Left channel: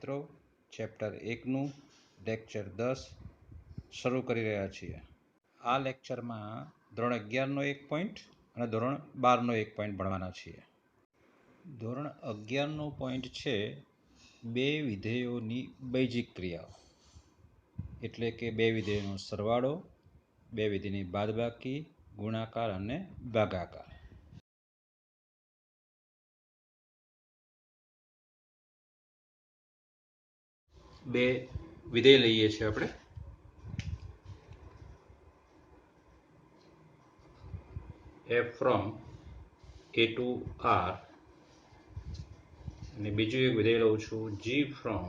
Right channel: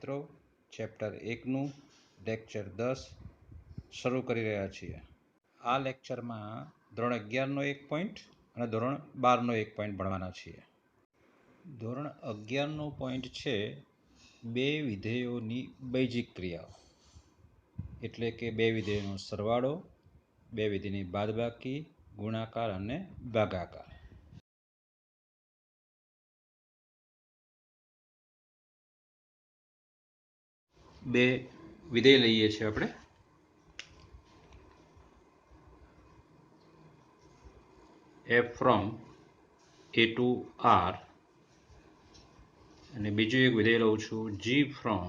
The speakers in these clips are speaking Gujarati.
મિત્રો, ચેપ્ટર 1નું લેક્ચર 10 શરૂ કરી રહ્યા છીએ. આ લેક્ચરમાં ધોરણ 11નો એક પોઈન્ટ અને ધોરણ 12નો એક પોઈન્ટ ભણવાના છીએ. ધોરણ 11નો પોઈન્ટ છે બે વિધેયોની બૈજિક ક્રિયાઓ, એટલે કે બે વિધેયોનો સરવાળો, બે વિધેયની બાદબાકી, ગુણાકાર અને ભાગાકાર. બે વિધેય લઈએ છીએ આપણે. f from a to r અને બીજું એક વિધેય લઉં છું g from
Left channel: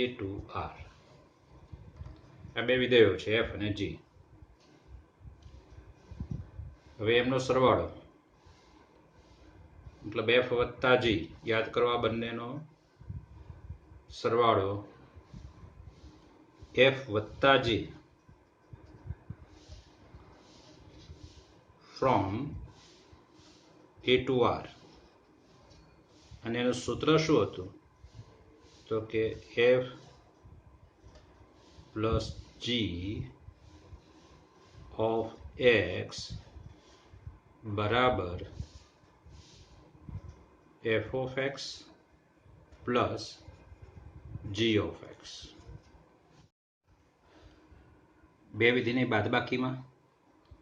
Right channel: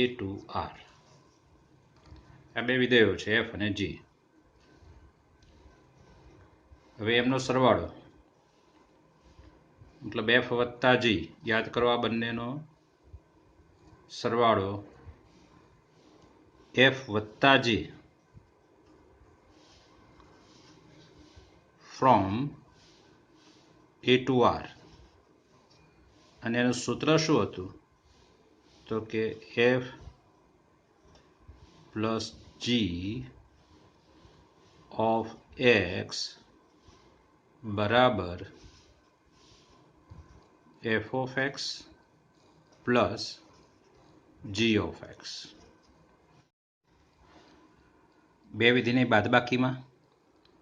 a to r. આ બે વિધેયો છે f અને g. હવે એમનો સરવાળો મતલબ f વત્તા g, યાદ કરો આ બંનેનો સરવાળો f વત્તા g from a to r. અને એનું સૂત્ર શું હતું? તો કે f plus g of x બરાબર f of x plus g of x. બે વિધિની બાદબાકીમાં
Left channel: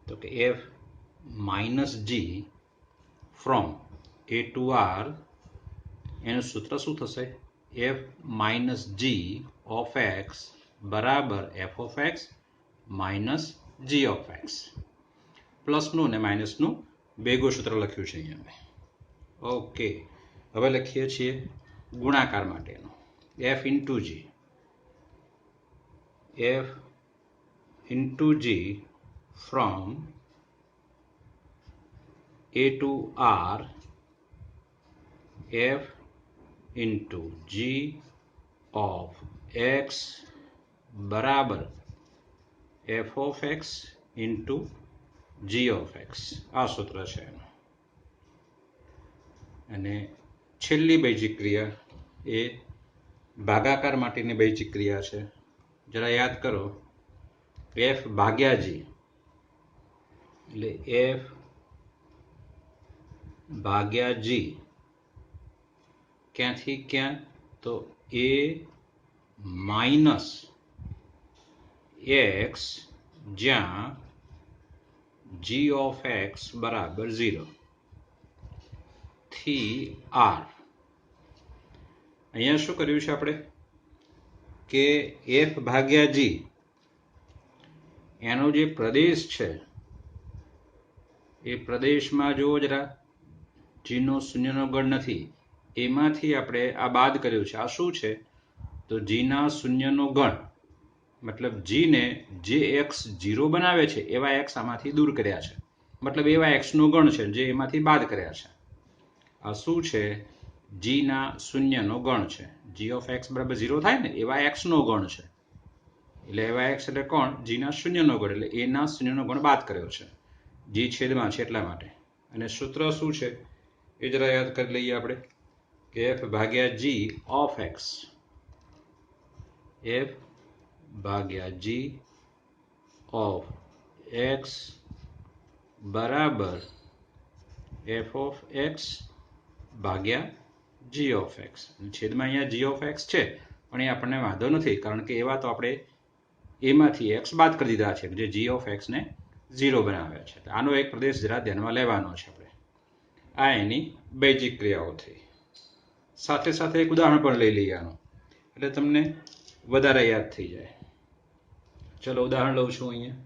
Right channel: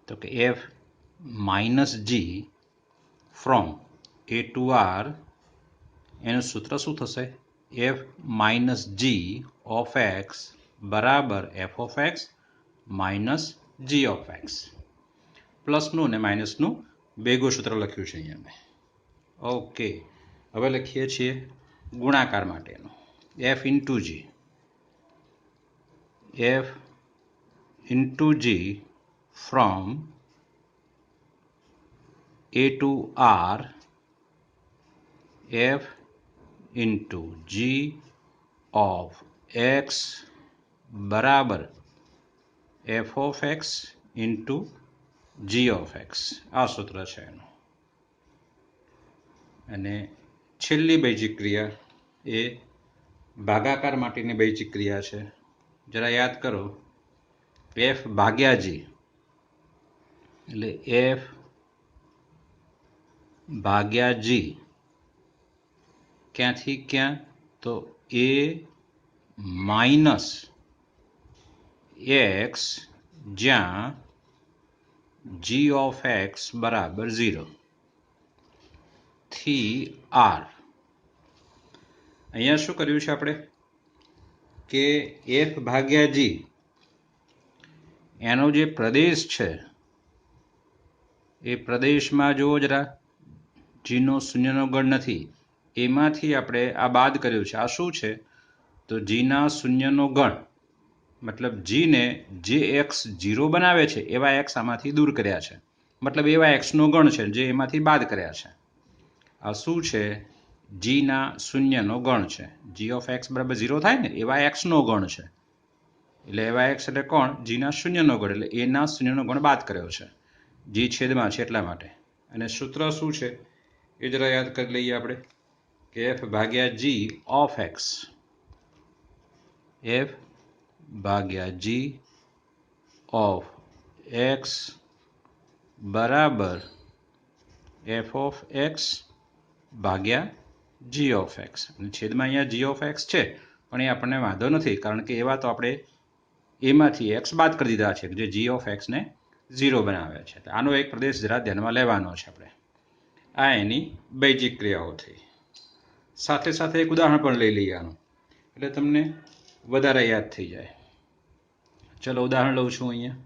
તો કે f minus g from a to r, એનું સૂત્ર શું થશે? f minus g of x બરાબર f of x minus g of x. પ્લસનું અને માઇનસનું ભેગું સૂત્ર લખ્યું છે અહીંયા. ઓકે, હવે લખીએ છીએ ગુણાકાર માટેનું. f into g, f into g from a to r, f into g of x બરાબર f of x into g of x. આ સૂત્ર છે એનું. અને છેલ્લી બૈજિક ક્રિયા એ ભાગાકાર માટેની બૈજિક ક્રિયા છે. જરા યાદ કરો, f ભાગ્યા g એટલે f ભાગ્યા g ક્યાંથી ક્યાં? તો a માઇનસ x જ્યાં g of x બરાબર 0 થી r. અહીંયા શું કર્યું છે આપણે કે f ભાગ્યા g એનો જે પ્રદેશ છે એ પ્રદેશમાં જો જરા g નો શૂન્યનો ગણ નથી, એમાંથી આપણે આ બાદ કર્યું છે. આ શું છે? તો g ના શૂન્યનો ગણ, મતલબ g ને જે x 0 બનાવે છે એવા x આમાંથી દૂર કર્યા છે, મતલબ એવા x નો ગણ છે જે એમાંથી બાદ કર્યા છે. આ શું છે? g ના શૂન્યનો ગણ છે. g of x બરાબર 0 થાય ને એવા x નો ગણ છે. એટલે એવા x એટલે કોણ? g ના શૂન્યનો ગણ, એટલે એ ના શૂન્યનો ગણ બાદ કર્યો છે. g છેદમાં છે એટલા માટે. અને સૂત્ર શું છે એ જરા યાદ કરી લઈએ આપણે કે f ભાગ્યા g of x, f ભાગ્યા g of x બરાબર f of x ભાગ્યા g of x. અને છેદમાં અહીંયા g of x છે, પણ એ આપણને વાંધો નથી, કારણ કે એવા તો આપણે એમાંથી x બાદ કરી દીધા છે જે g of x ને 0 બનાવે છે. આનો એક પ્રદેશ જરા ધ્યાનમાં લેવાનો છે આપણે. આ એની બૈજિક ક્રિયાઓ થઈ. સાથે સાથે એક ઉદાહરણ પણ લઈ લઈએ આનું, એટલે તમને વધારે યાદ થઈ જાય. ચલો ઉદાહરણ લઉં છું અહીંયા.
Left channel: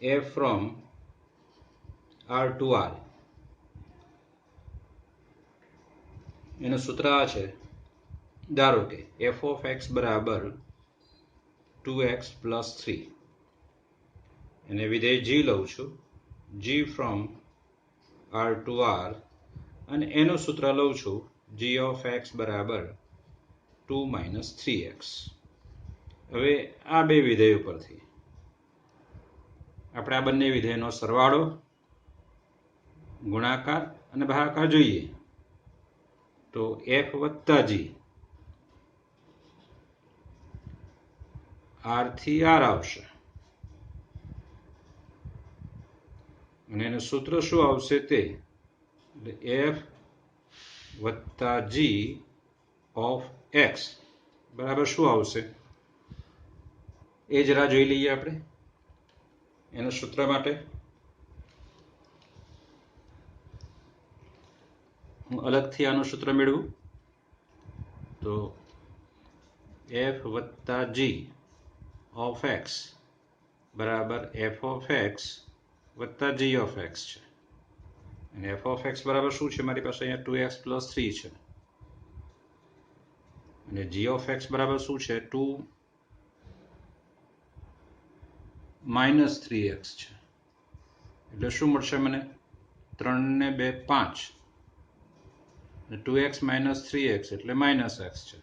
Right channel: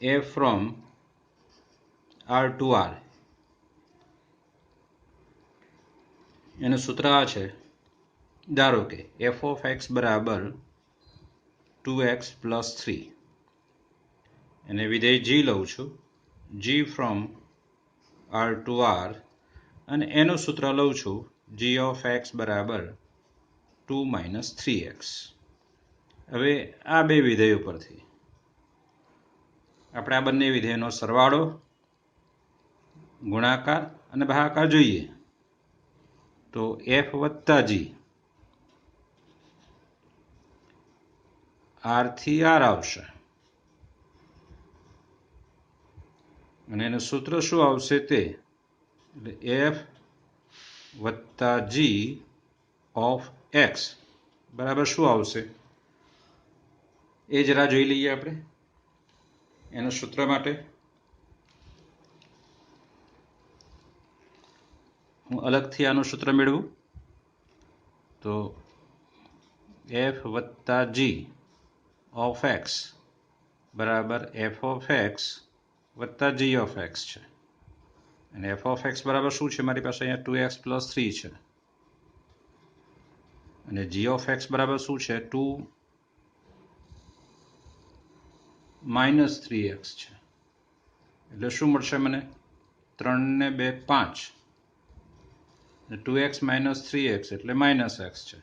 f from r to r, એનું સૂત્ર આ છે. ધારો કે f of x બરાબર 2x plus 3 અને વિધેય g લઉં છું, g from r to r, અને એનું સૂત્ર લઉં છું g of x બરાબર 2 minus 3x. હવે આ બે વિધેયો પરથી આપણે આ બંને વિધેયનો સરવાળો, ગુણાકાર અને ભાગાકાર જોઈએ તો f વત્તા g r થી r આવશે અને એનું સૂત્ર શું આવશે તે f વત્તા g ઓફ x બરાબર શું આવશે એ જરા જોઈ લઈએ આપણે. એના સૂત્ર માટે હું અલગથી આનું સૂત્ર મેળવું તો f વત્તા g ઓફ x બરાબર f ઓફ x વત્તા g ઓફ x છે અને f ઓફ x બરાબર શું છે મારી પાસે અહીંયા 2x પ્લસ 3 છે અને g ઓફ x બરાબર શું છે 2 માઇનસ 3x છે એટલે શું મળશે મને 3 ને 2 5 2x માઇનસ 3x એટલે માઇનસ x છે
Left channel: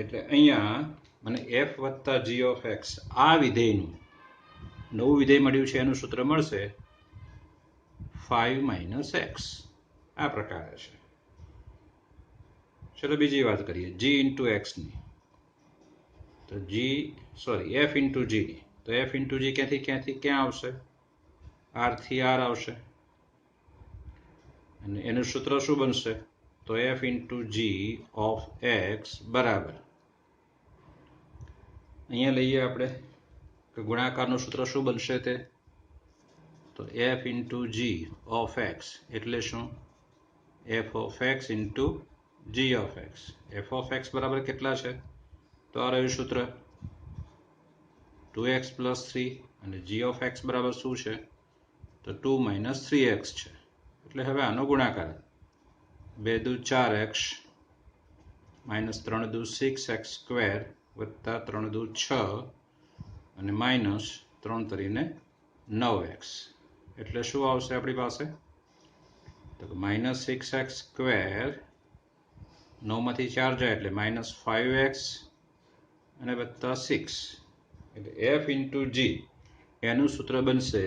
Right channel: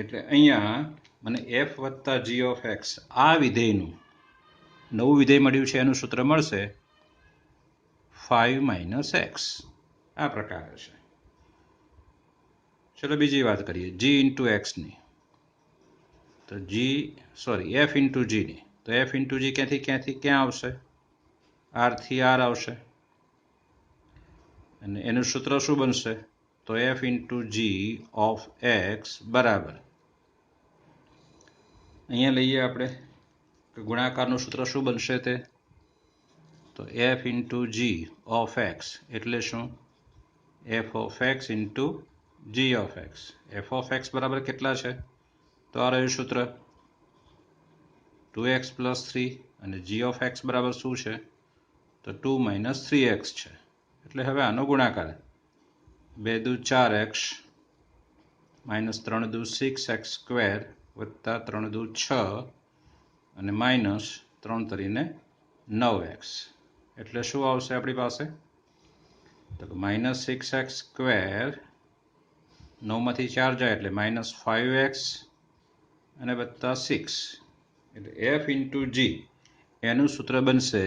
એટલે અહીંયા મને f વત્તા g ઓફ x આ વિધેયનું નવું વિધેય મળ્યું છે એનું સૂત્ર મળશે 5 માઇનસ x આ પ્રકારે છે. ચલો બીજી વાત કરીએ g ઇન્ટુ x ની તો f ઇન્ટુ g ની તો f ઇન્ટુ g ક્યાંથી ક્યાં આવશે r થી r આવશે અને એનું સૂત્ર શું બનશે તો f into g of x બરાબર અહીંયા લઈએ આપણે તો ગુણાકારનું સૂત્ર શું બનશે તે તો f into g of x એટલે શું f of x into g of x. f of x બરાબર કેટલા છે તો આ રહ્યું સૂત્ર 2x પ્લસ 3 અને g ઓફ x બરાબર શું છે તો 2 માઇનસ 3x છે એટલે હવે આનો ગુણાકાર 2 દુ 4x માઇનસ 3 દુ 6x સ્ક્વેર વત્તા 3 દુ 6 અને માઇનસ 3 તરીને 9x એટલે શું આવશે આપણી પાસે તો માઇનસ 6x સ્ક્વેર 9 માંથી 4 જાય એટલે માઇનસ 5x અને વત્તા 6 એટલે f ઇન્ટુ g એનું સૂત્ર બનશે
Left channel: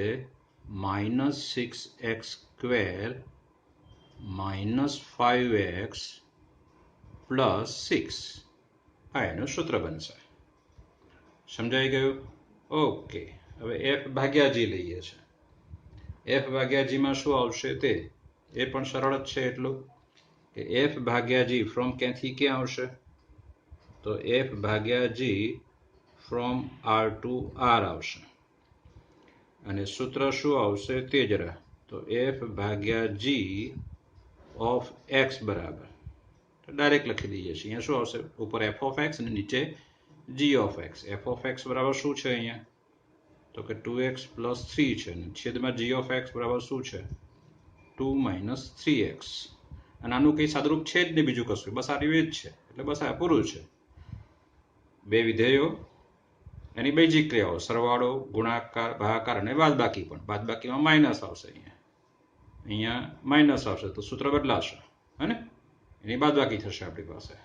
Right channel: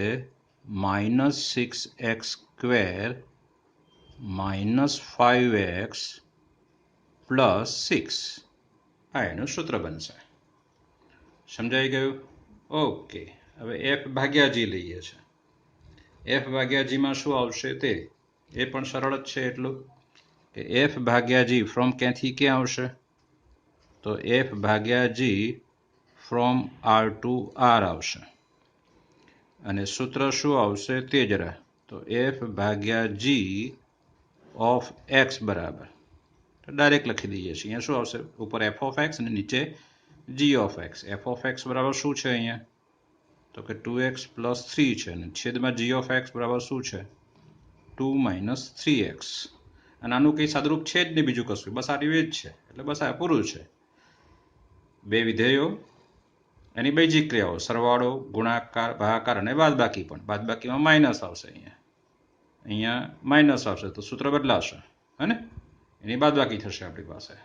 minus 6x square minus 5x plus 6 આ એનું સૂત્ર બનશે. સમજાઈ ગયું? ઓકે. હવે f ભાગ્યા g લઈએ છે. f ભાગ્યા g માં શું આવશે તે એ પણ સરળ જ છે એટલું કે f ભાગ્યા g ફ્રોમ ક્યાંથી ક્યાં આવશે તો f ભાગ્યા g from r to r આવશે અને સૂત્ર શું આવશે તે જરા તો f ભાગ્યા g ઓફ x બરાબર ડાયરેક્ટ લખી દઈએ છીએ. અહીંયા શું આવશે ઉપર f ઓફ x અને નીચે g of x. f of x બરાબર શું છે અહીંયા તો કે 2x પ્લસ 3 છે અને છેદમાં g ઓફ x બરાબર શું છે 2 માઇનસ 3x અને આનું કંઈ સાદુરૂપ છે જ નહીં બીજું કશું બસ આ રહ્યું જ છે એટલે બસ આ પૂરું છે. બે વિધેયો એની બેઝિક ક્રિયાઓ સરવાળો ગુણાકાર ભાગાકાર અને બાદબાકી પણ બાદબાકીમાં માઇનસ આવશે અહીંયા માઇનસ આવશે તો સૂત્ર બદલાશે હે ને એની બાદબાકી થશે આપણી પાસે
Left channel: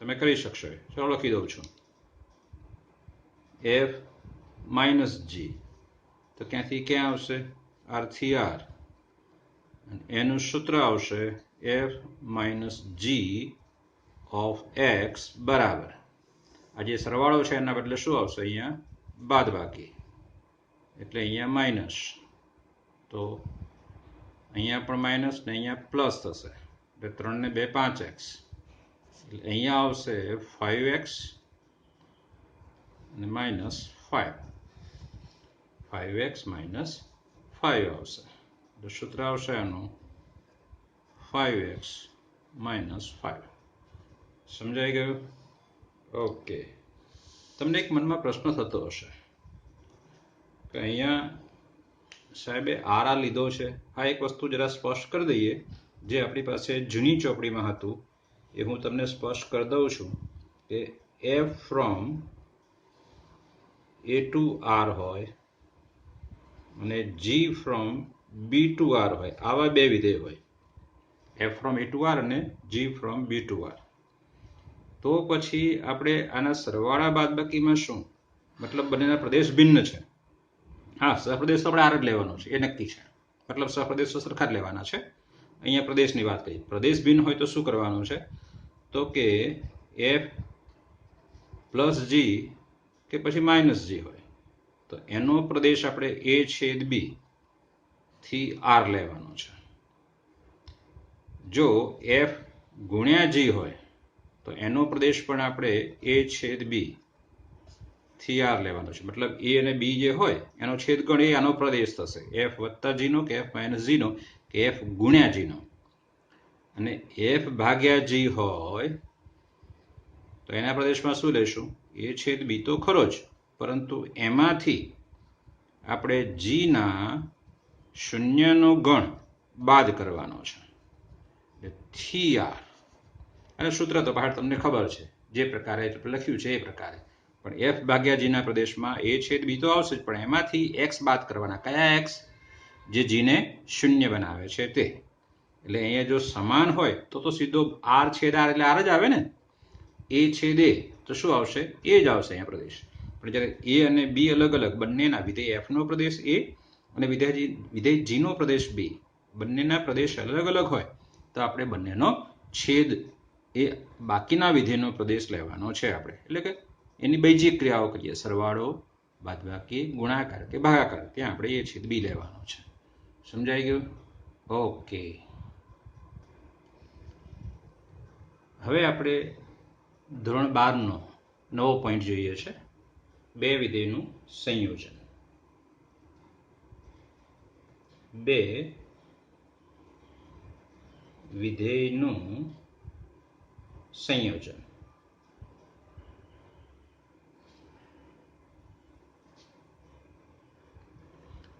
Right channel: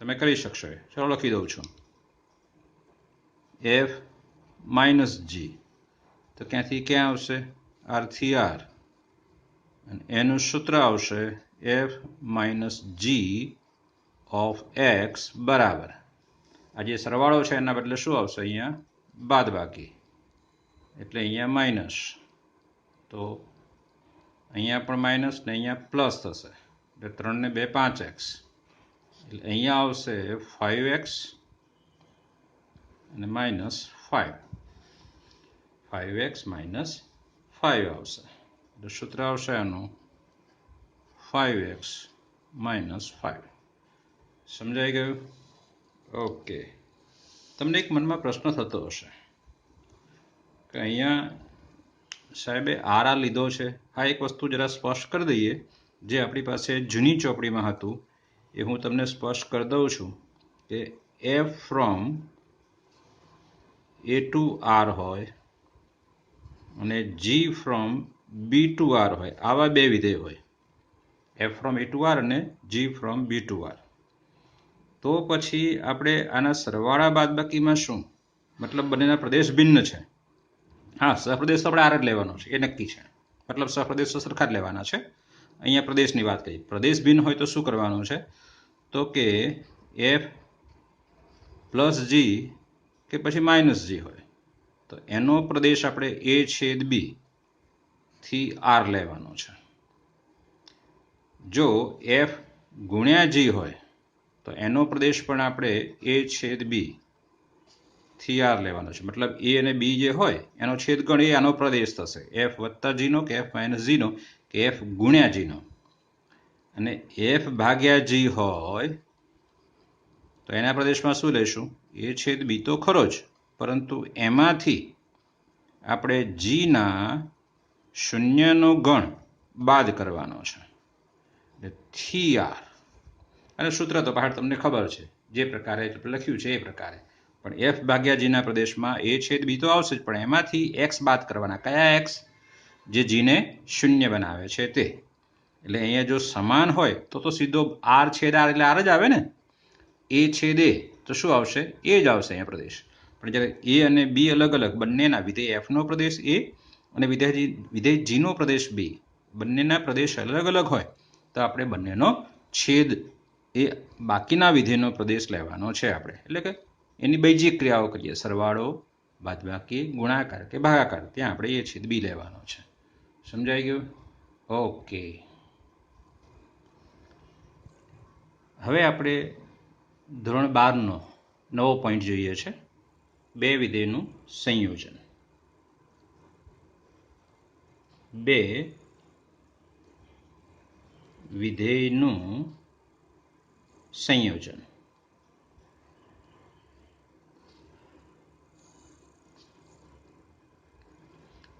તમે કરી શકશો. ચાલો લખી દઉં છું f માઇનસ g તો ક્યાંથી ક્યાં આવશે r થી r એનું સૂત્ર આવશે f minus g of x બરાબર આ જે સરવાળો છે એના બદલે શું આવશે અહીંયા બાદબાકી એટલે અહીંયા માઇનસ તો અહીંયા પણ માઇનસ ને અહીંયા પ્લસ થશે એટલે 3 ને 2 5x એટલે અહીંયા આવશે 5x અને માઇનસ 5x માઇનસ 5 આવશે એટલે સૂત્ર આવશે આનું 5x માઇનસ 5. સમજાઈ ગયું? ઓકે. તમને એક મનમાં પ્રશ્ન થતો હશે કે અહીંયા સાહેબે આર લીધો છે. આ એક વસ્તુ જરા સ્પષ્ટ કરી દઈએ જે આપણી પાસે જૂની ચોપડીમાં હતું એ હું તમને સ્પષ્ટ કરી દઉં છું કે f from a to r હોય અને g from b to r હોય આવા બે વિધેય હોય f from a to r અને g from b to r તો પછી આપણે આના સરવાળા બાદબાકીમાં શું મતલબ બંનેના પ્રદેશ ભિન્ન છે હા, સહપ્રદેશ આપણે આર જ લેવાનો છે, એ નક્કી છે. મતલબ સહપ્રદેશો સરખા જ લેવાના છે. અહીંયા પ્રદેશની વાત કરી. પ્રદેશ ભિન્ન હોય તો શું કરવાનું છે? તો કે એફ પ્લસ જી કે પછી માઇનસ જી હોય તો એનો પ્રદેશ આપણે એ છેદ બી થી આર લેવાનો છે. જો એફ ગુણ્યા જી હોય તો એનો પ્રદેશ પણ આપણે એ છેદ બી થી આર લેવાનો છે. મતલબ એ અને બી જે હોય એનો છેદગણ એ આનો પ્રદેશ થશે, એફ વત્તા જીનો કે એફ માઇનસ જીનો કે એફ ગુણ્યા જીનો. અને એફ ભાગ્યા જી હોય તો એના પ્રદેશમાં શું લેશું? એ છેદ બી તો ખરો જ, પરંતુ એમાંથી આપણે જીના શૂન્યનો ગણ બાદ કરવાનો છે, થી આર. અને સૂત્ર તો બહાર તમને ખબર છે, જે પ્રકારે લખ્યું છે એ પ્રકારે. પણ એફ ભાગ્યા જીના પ્રદેશમાં એ છેદ બી તો આવશે જ, પણ એમાંથી એક્સ બાદ કરવાના. કયા એક્સ? જે જીને શૂન્ય બનાવે છે તે. એટલે અહીંયા જો સમાન હોય તો સીધો આર છેદ આર એટલે આર જ આવે ને. એ છેદ એ તો શું આવશે? એ જ આવશે અહીંયા પ્રદેશ. પણ જ્યારે એ અને બી અલગ અલગ, બંનેના વિધેય એફનો પ્રદેશ એ અને વિધેય જીનો પ્રદેશ બી, બંનેના પ્રદેશ અલગ અલગ હોય તો આપણે બંનેનો છેદ એ બાકીના વિધેયનો પ્રદેશ લેવાનો છે આપણે. એટલે કે એની બૈજિક ક્રિયાઓ કરીએ, સરવાળો, બાદબાકી, ગુણાકાર કે ભાગાકાર, ત્યાં આપણે એ છેદ બી લેવાનો છે. સમજાઈ ગયું? ઓકે. હવે આપણે ધોરણ 12નો નવો પોઈન્ટ જોઈએ છે, બે વિધેયનું સંયોજન. બે વિધેયનું સંયોજન.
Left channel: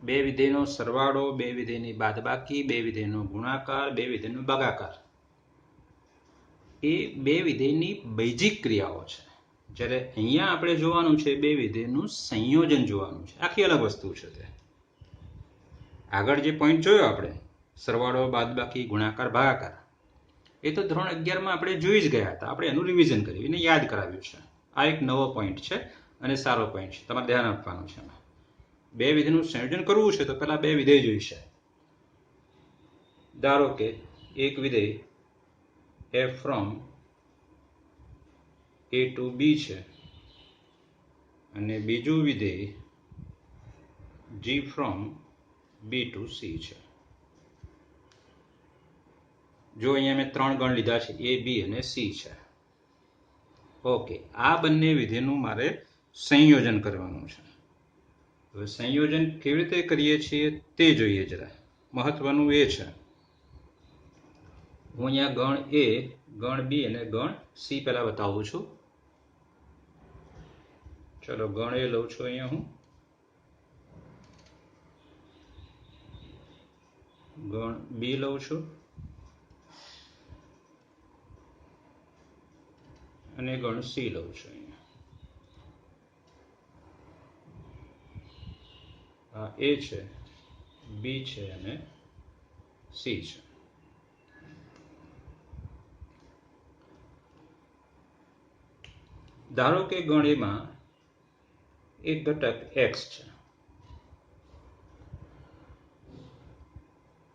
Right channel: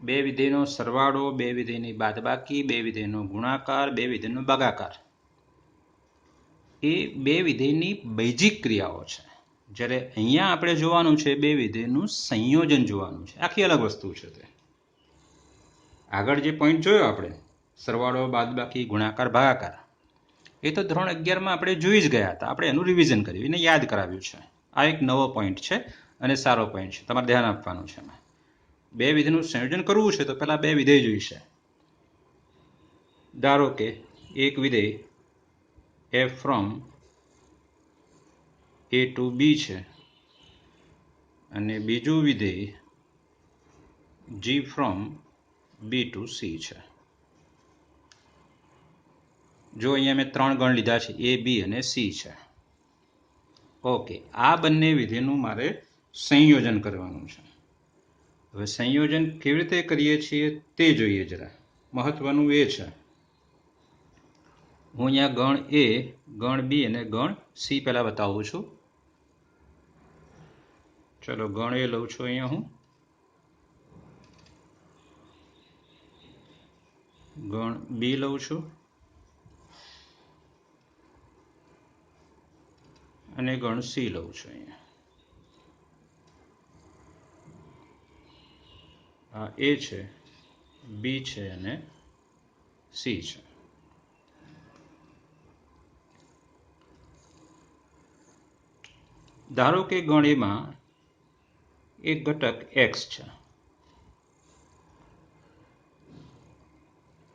બે વિધેયનો સરવાળો, બે વિધેયની બાદબાકી, બે વિધેયનો ગુણાકાર, બે વિધેયનો ભાગાકાર, એ બે વિધેયની બૈજિક ક્રિયાઓ છે. જ્યારે અહીંયા આપણે જોવાનું છે બે વિધેયનું સંયોજન જોવાનું છે, આખી અલગ વસ્તુ છે તે. આગળ જે પોઈન્ટ જોયો આપણે, સરવાળો, બાદબાકી, ગુણાકાર, ભાગાકાર, એ તો ધોરણ 11માં આપણે જોઈ જ ગયા હતા. આપણે એનું રિવિઝન કર્યું, એને યાદ કરાવ્યું છે. આ એક નવો પોઈન્ટ છે અને સારો પોઈન્ટ છે, તમારે ધ્યાન આપવાનું છે. બે વિધેયનું સંયોજન કરવું છે તો પહેલા બે વિધેય જોઈશે. ધારો કે એક વિધેય એફ ફ્રોમ એ ટુ બી છે અને બીજું વિધેય જી ફ્રોમ બી ટુ સી છે. જો અહીંયા મેં ત્રણ ગણ લીધા છે, એ, બી અને સી છે. ઓકે, આ બંને વિધેયનું મારે સંયોજન કરવાનું છે. હવે સંયોજન કેવી રીતે કરીએ છીએ તે જોઈએ જરા. મહત્વનું એ છે, હું અહીંયા ગણ એ, ગણ બી અને ગણ સી પહેલા બતાવું છું. ચલો ગણ એ લઉં છું અહીંયા હું, ગણ બી લઉં છું અને ગણ સી લઉં છું. અહીંયા આ એ છે, બી છે અને સી છે. ધારો કે ગણ એમાં એક ઘટક એક્સ છે.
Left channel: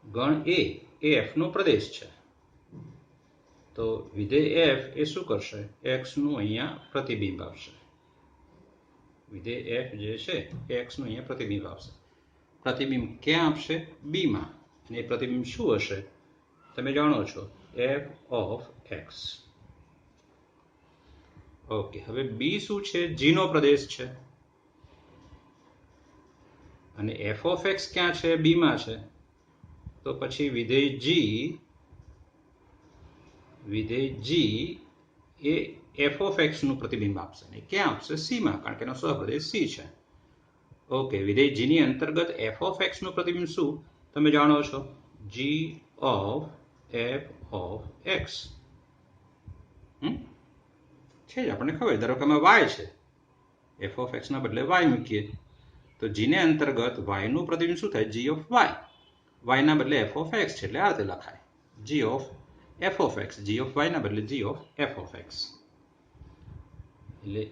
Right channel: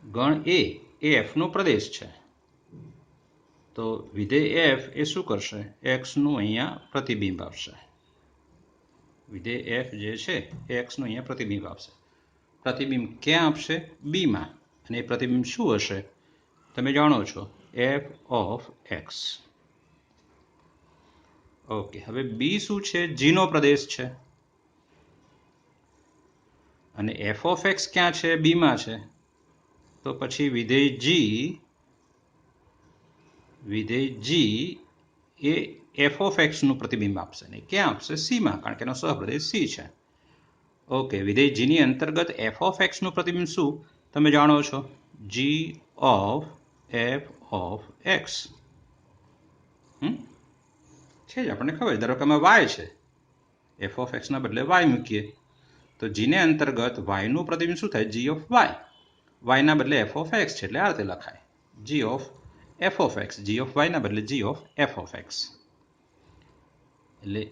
ગણ એ એફનો પ્રદેશ છે, તો વિધેય એફ એ શું કરશે? એક્સનું અહીંયા પ્રતિબિંબ આપશે. વિધેય એફ જે છે એ એક્સનું અહીંયા પ્રતિબિંબ આપશે. પ્રતિબિંબ ક્યાં આપશે? બીમાં. અને એ પ્રતિબિંબ શું હશે? તમે જાણો છો, એફ ઓફ એક્સ. ઓકે, હવે બી શું છે? જીનો પ્રદેશ છે. અને એફ ઓફ એક્સ ક્યાં છે? બીમાં છે. તો પછી વિધેય જી એ એફ ઓફ એક્સનું પ્રતિબિંબ આપશે. ને ક્યાં આપશે? સીમાં, કારણ કે એનો સહપ્રદેશ સી છે. ઓકે, વિધેય જીની અંતર્ગત એફ ઓફ એક્સનું પ્રતિબિંબ શું? તમે જાણો છો, જી ઓફ એફ ઓફ એક્સ છે જ, આપણને ખબર. ધારો કે આમાં વાય છે, એફ ઓફ એક્સના બદલે વાય મૂકીએ તો જીને અંતર્ગત વાયનું પ્રતિબિંબ શું થાય? G of Y. વાયના બદલે એફ ઓફ એક્સ છે એટલે આ રીતે લખાય, G of F of X. G of વાયના બદલે G of F of X. એટલે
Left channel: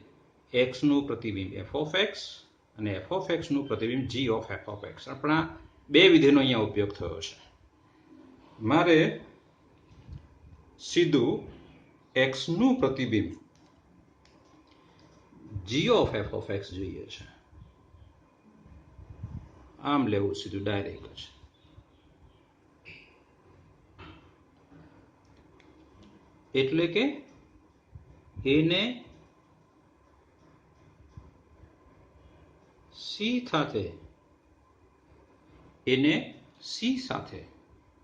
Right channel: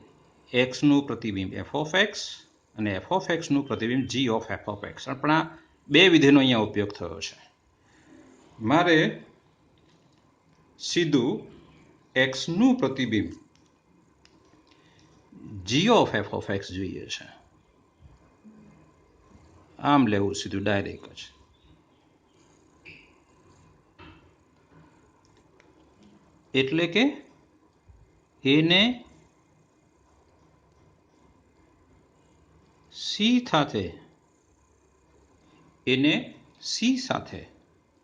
એક્સનું પ્રતિબિંબ એફ ઓફ એક્સ અને એફ ઓફ એક્સનું પ્રતિબિંબ G of F of X. પણ આ બે વિધેયનો અહીંયા ઉપયોગ થયો છે. મારે સીધું એક્સનું પ્રતિબિંબ G of F of x જોઈએ છે. આમ લેવું સીધું ડાયરેક્ટ જ. એટલે કે એને સી સાથે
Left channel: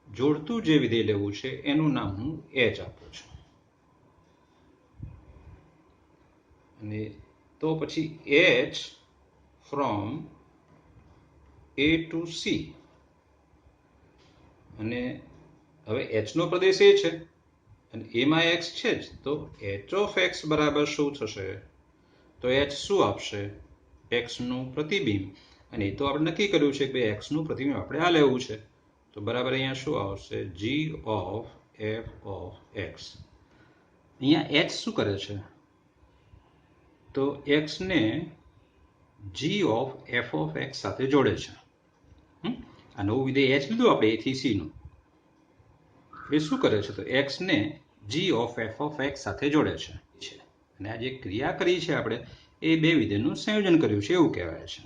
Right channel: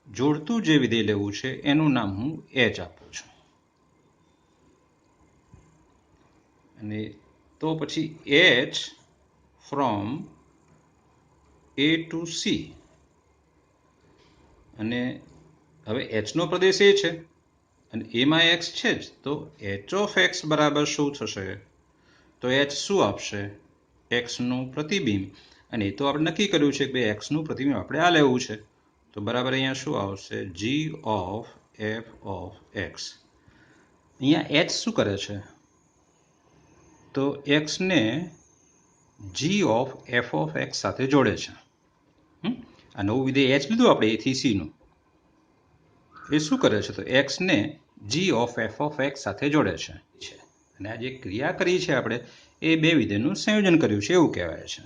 જોડતું જે વિધેય લેવું છે એનું નામ હું એચ આપું છું. અને તો પછી h from A to c. અને હવે એચનો પ્રદેશ એ છે અને એમાં એક્સ છે જ, તો એચ ઓફ એક્સ બરાબર શું થશે? તો એચ શું આપશે? એક્સનું પ્રતિબિંબ. અને એ તો આપણે નક્કી કર્યું છે કે એક્સનું પ્રતિબિંબ આપણે આ લેવું છે. તો બરાબર અહીંયા શું આવશે? જી ઓફ એફ ઓફ એક્સ. અહીંયા એચ શું કરે છે? તો એક્સને જી ઓફ એફ ઓફ એક્સ સાથે જોડે છે. આ નવું વિધેય એચ લીધું આપણે એથી સીનું. એ શું કરે છે? તો એક્સને જી ઓફ એફ ઓફ એક્સ સાથે જોડે છે. અને આ જે ક્રિયા કરી છે આપણે એ બે વિધેયનું સંયોજન કર્યું છે એવું કહેવાય છે.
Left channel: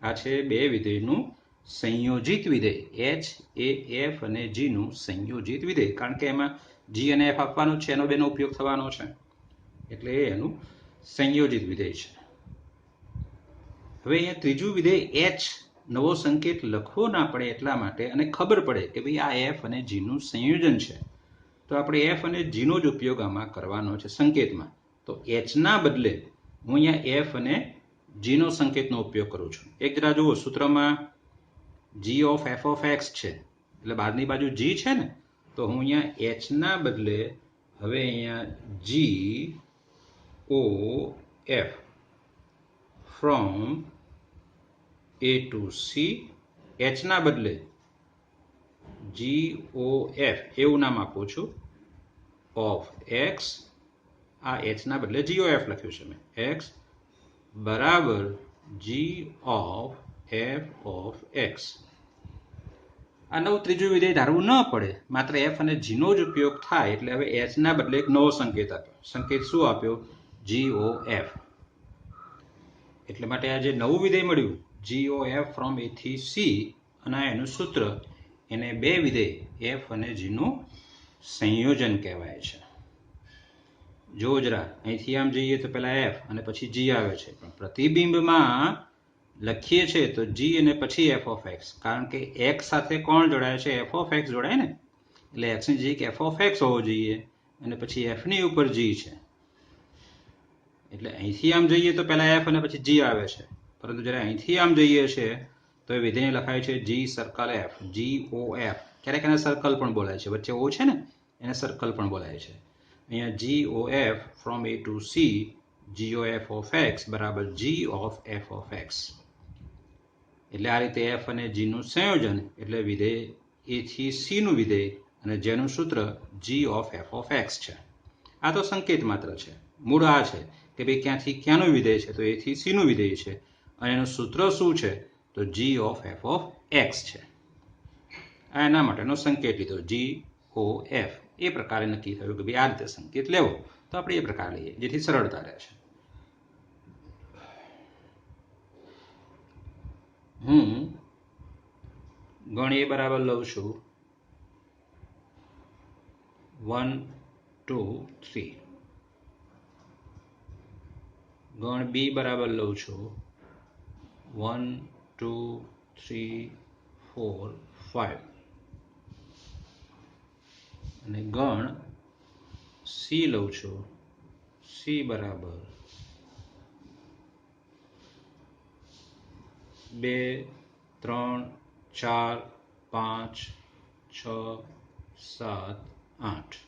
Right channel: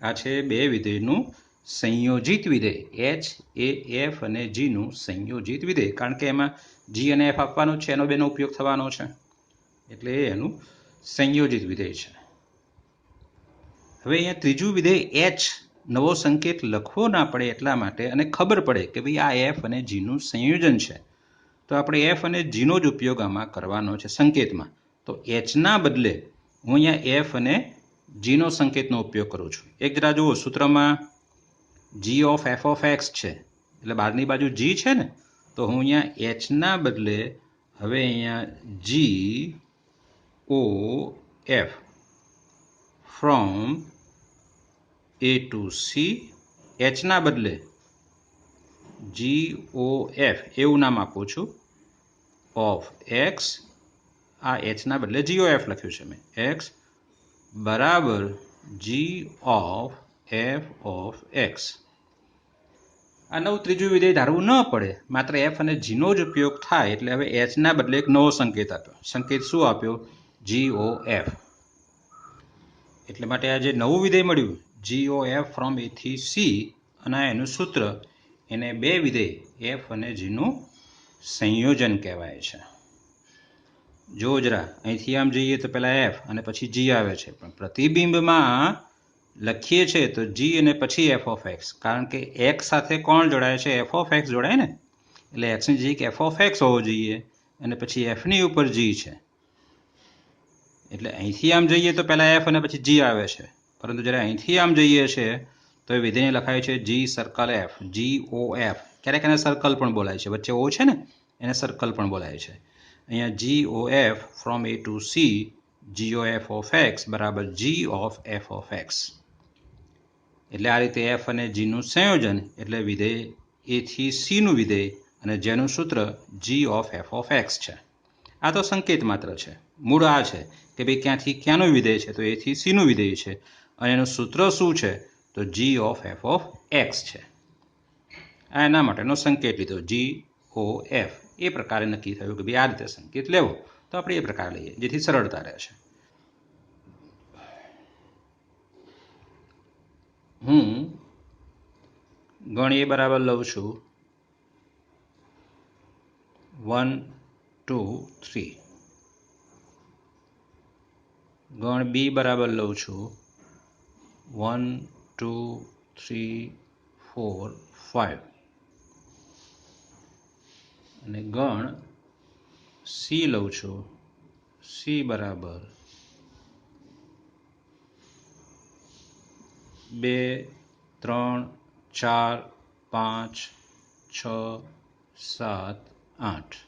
આ છે બે વિધેયનું સંયોજિત વિધેય. એચ એ એફ અને જીનું સંયોજિત વિધેય. કારણ કે એમાં જી અને એફ આપવાનું છે, એનો બેનો ઉપયોગ થવાનો છે, એટલે એ એનું સંયોજિત વિધેય છે. હવે અહીંયા ત્રીજું વિધેય એચ, નવો સંકેત લખવો ના પડે એટલા માટે, અને ખબર પડે કે ભાઈ આ એફ અને જીનું સંયોજન છે, તો આપણે એફ અને જીનો જ ઉપયોગ આમાં કરવાનો છે સંકેતમાં. તો એચના બદલે હું અહીંયા એફ અને જીનો સંકેતનો ઉપયોગ કરું છું. એક જરા જુઓ, સૂત્રમાં જી ઓફ એફ ઓફ એક્સ છે, એટલે બહારની બાજુ જી છે ને, તો હું અહીંયા એચના બદલે હવે અહીંયા G O F from A to C, એચના બદલે જી ઓ એફ એવું નામ આપું છું ઓફ એક્સ. આ એચના બદલે જી ઓ એફ લખ્યું છે મેં. એક્સ બરાબર G of F of x. આ નવું ત્રીજું વિધેય ધારવું ન પડે, માત્ર એફ અને જીનો જ ઉપયોગ થાય. એટલે હવે એચના બદલે એક નવો સંકેત આપ્યો. સંકેત શું આપ્યો? જી ઓ એફ. એટલે માટે આ જે નવું વિધેય મળ્યું જી ઓ એફ ફ્રોમ એ થી સી, અને એનું સૂત્ર, એને બે વિધેય એફ અને જીનું સંયોજન કહેવાય છે. જો જરા અહીંથી આમ જઈએ તો પહેલા એફ અને પછી જી આવે છે, પણ પ્રતિબિંબમાં લખીએ છીએ તો જી અને પછી એફ ઓફ એક્સ. કારણ કે એક્સ સાથે કોણ જોડાય છે? એફ ઓફ એક્સ જોડાય ને. એટલે એક્સની જગ્યાએ એફ ઓફ એક્સ હોવો જોઈએ, અને પછી એફની ઉપર જી છે. એટલે અહીંથી આમ જઈએ તો પહેલા એફ અને પછી જી આવે છે, પરંતુ જ્યારે અહીંથી આમ જઈએ છે તો એ વિધેય લખાય છે જી સર્કલ એફ, જી ઓ એફ. ક્યારેક એને સર્કલ પણ બોલાય છે, વચ્ચે ઓ છે ને એને સર્કલ પણ બોલાય છે. અહીંયા G O F from A to C, G O F of X બરાબર G of F of X. એટલે આ રીતે એફ અને જીનું સંયોજન એટલે વિધેય એ થી સીનું વિધેય, અને જેનું સૂત્ર જી ઓફ એફ ઓફ એક્સ છે. આ તો સંકેત માત્ર છે. મૂળ આ છે કે ભાઈ ક્યાંથી ક્યાંનું વિધેય છે? તો એ થી સીનું વિધેય છે, અને એનું સૂત્ર શું છે? તો જી ઓફ એફ ઓફ એક્સ છે. આ એના માટેનો સંકેત લીધો જી ઓ એફ. એ પ્રકારે નક્કી થયું કે ભાઈ આ રીતે સંકેત લેવો, તો આપણે એ પ્રકાર લઈએ જેથી સરળતા રહેશે. હું ગણ એ બરાબર લઉં છું 1 2 3. ગણ બી બરાબર લઉં છું 1 2 3 4 5. અને ગણ સી લઉં છું, સી બરાબર 2 3 4 5 6 7 8.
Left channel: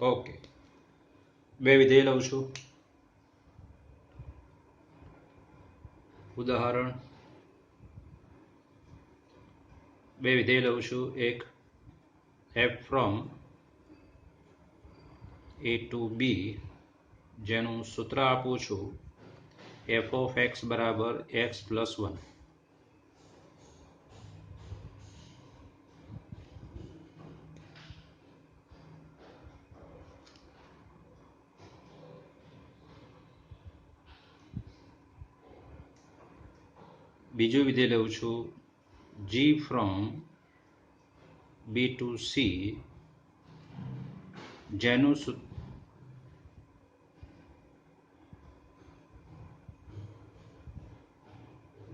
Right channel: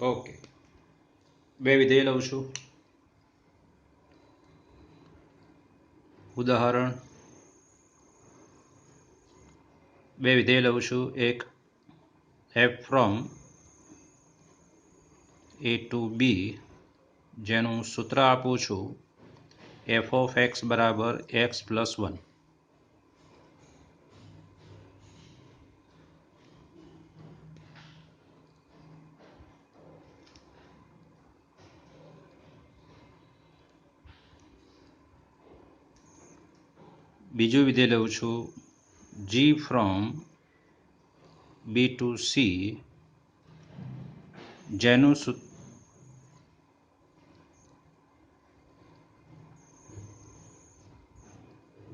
ઓકે, બે વિધેય લઉં છું. ઉદાહરણ, બે વિધેય લઉં છું. એક એફ ફ્રોમ એ ટુ બી, જેનું સૂત્ર આપું છું એફ ઓફ એક્સ બરાબર એક્સ પ્લસ 1. બીજું વિધેય લઉં છું જી ફ્રોમ બી ટુ સી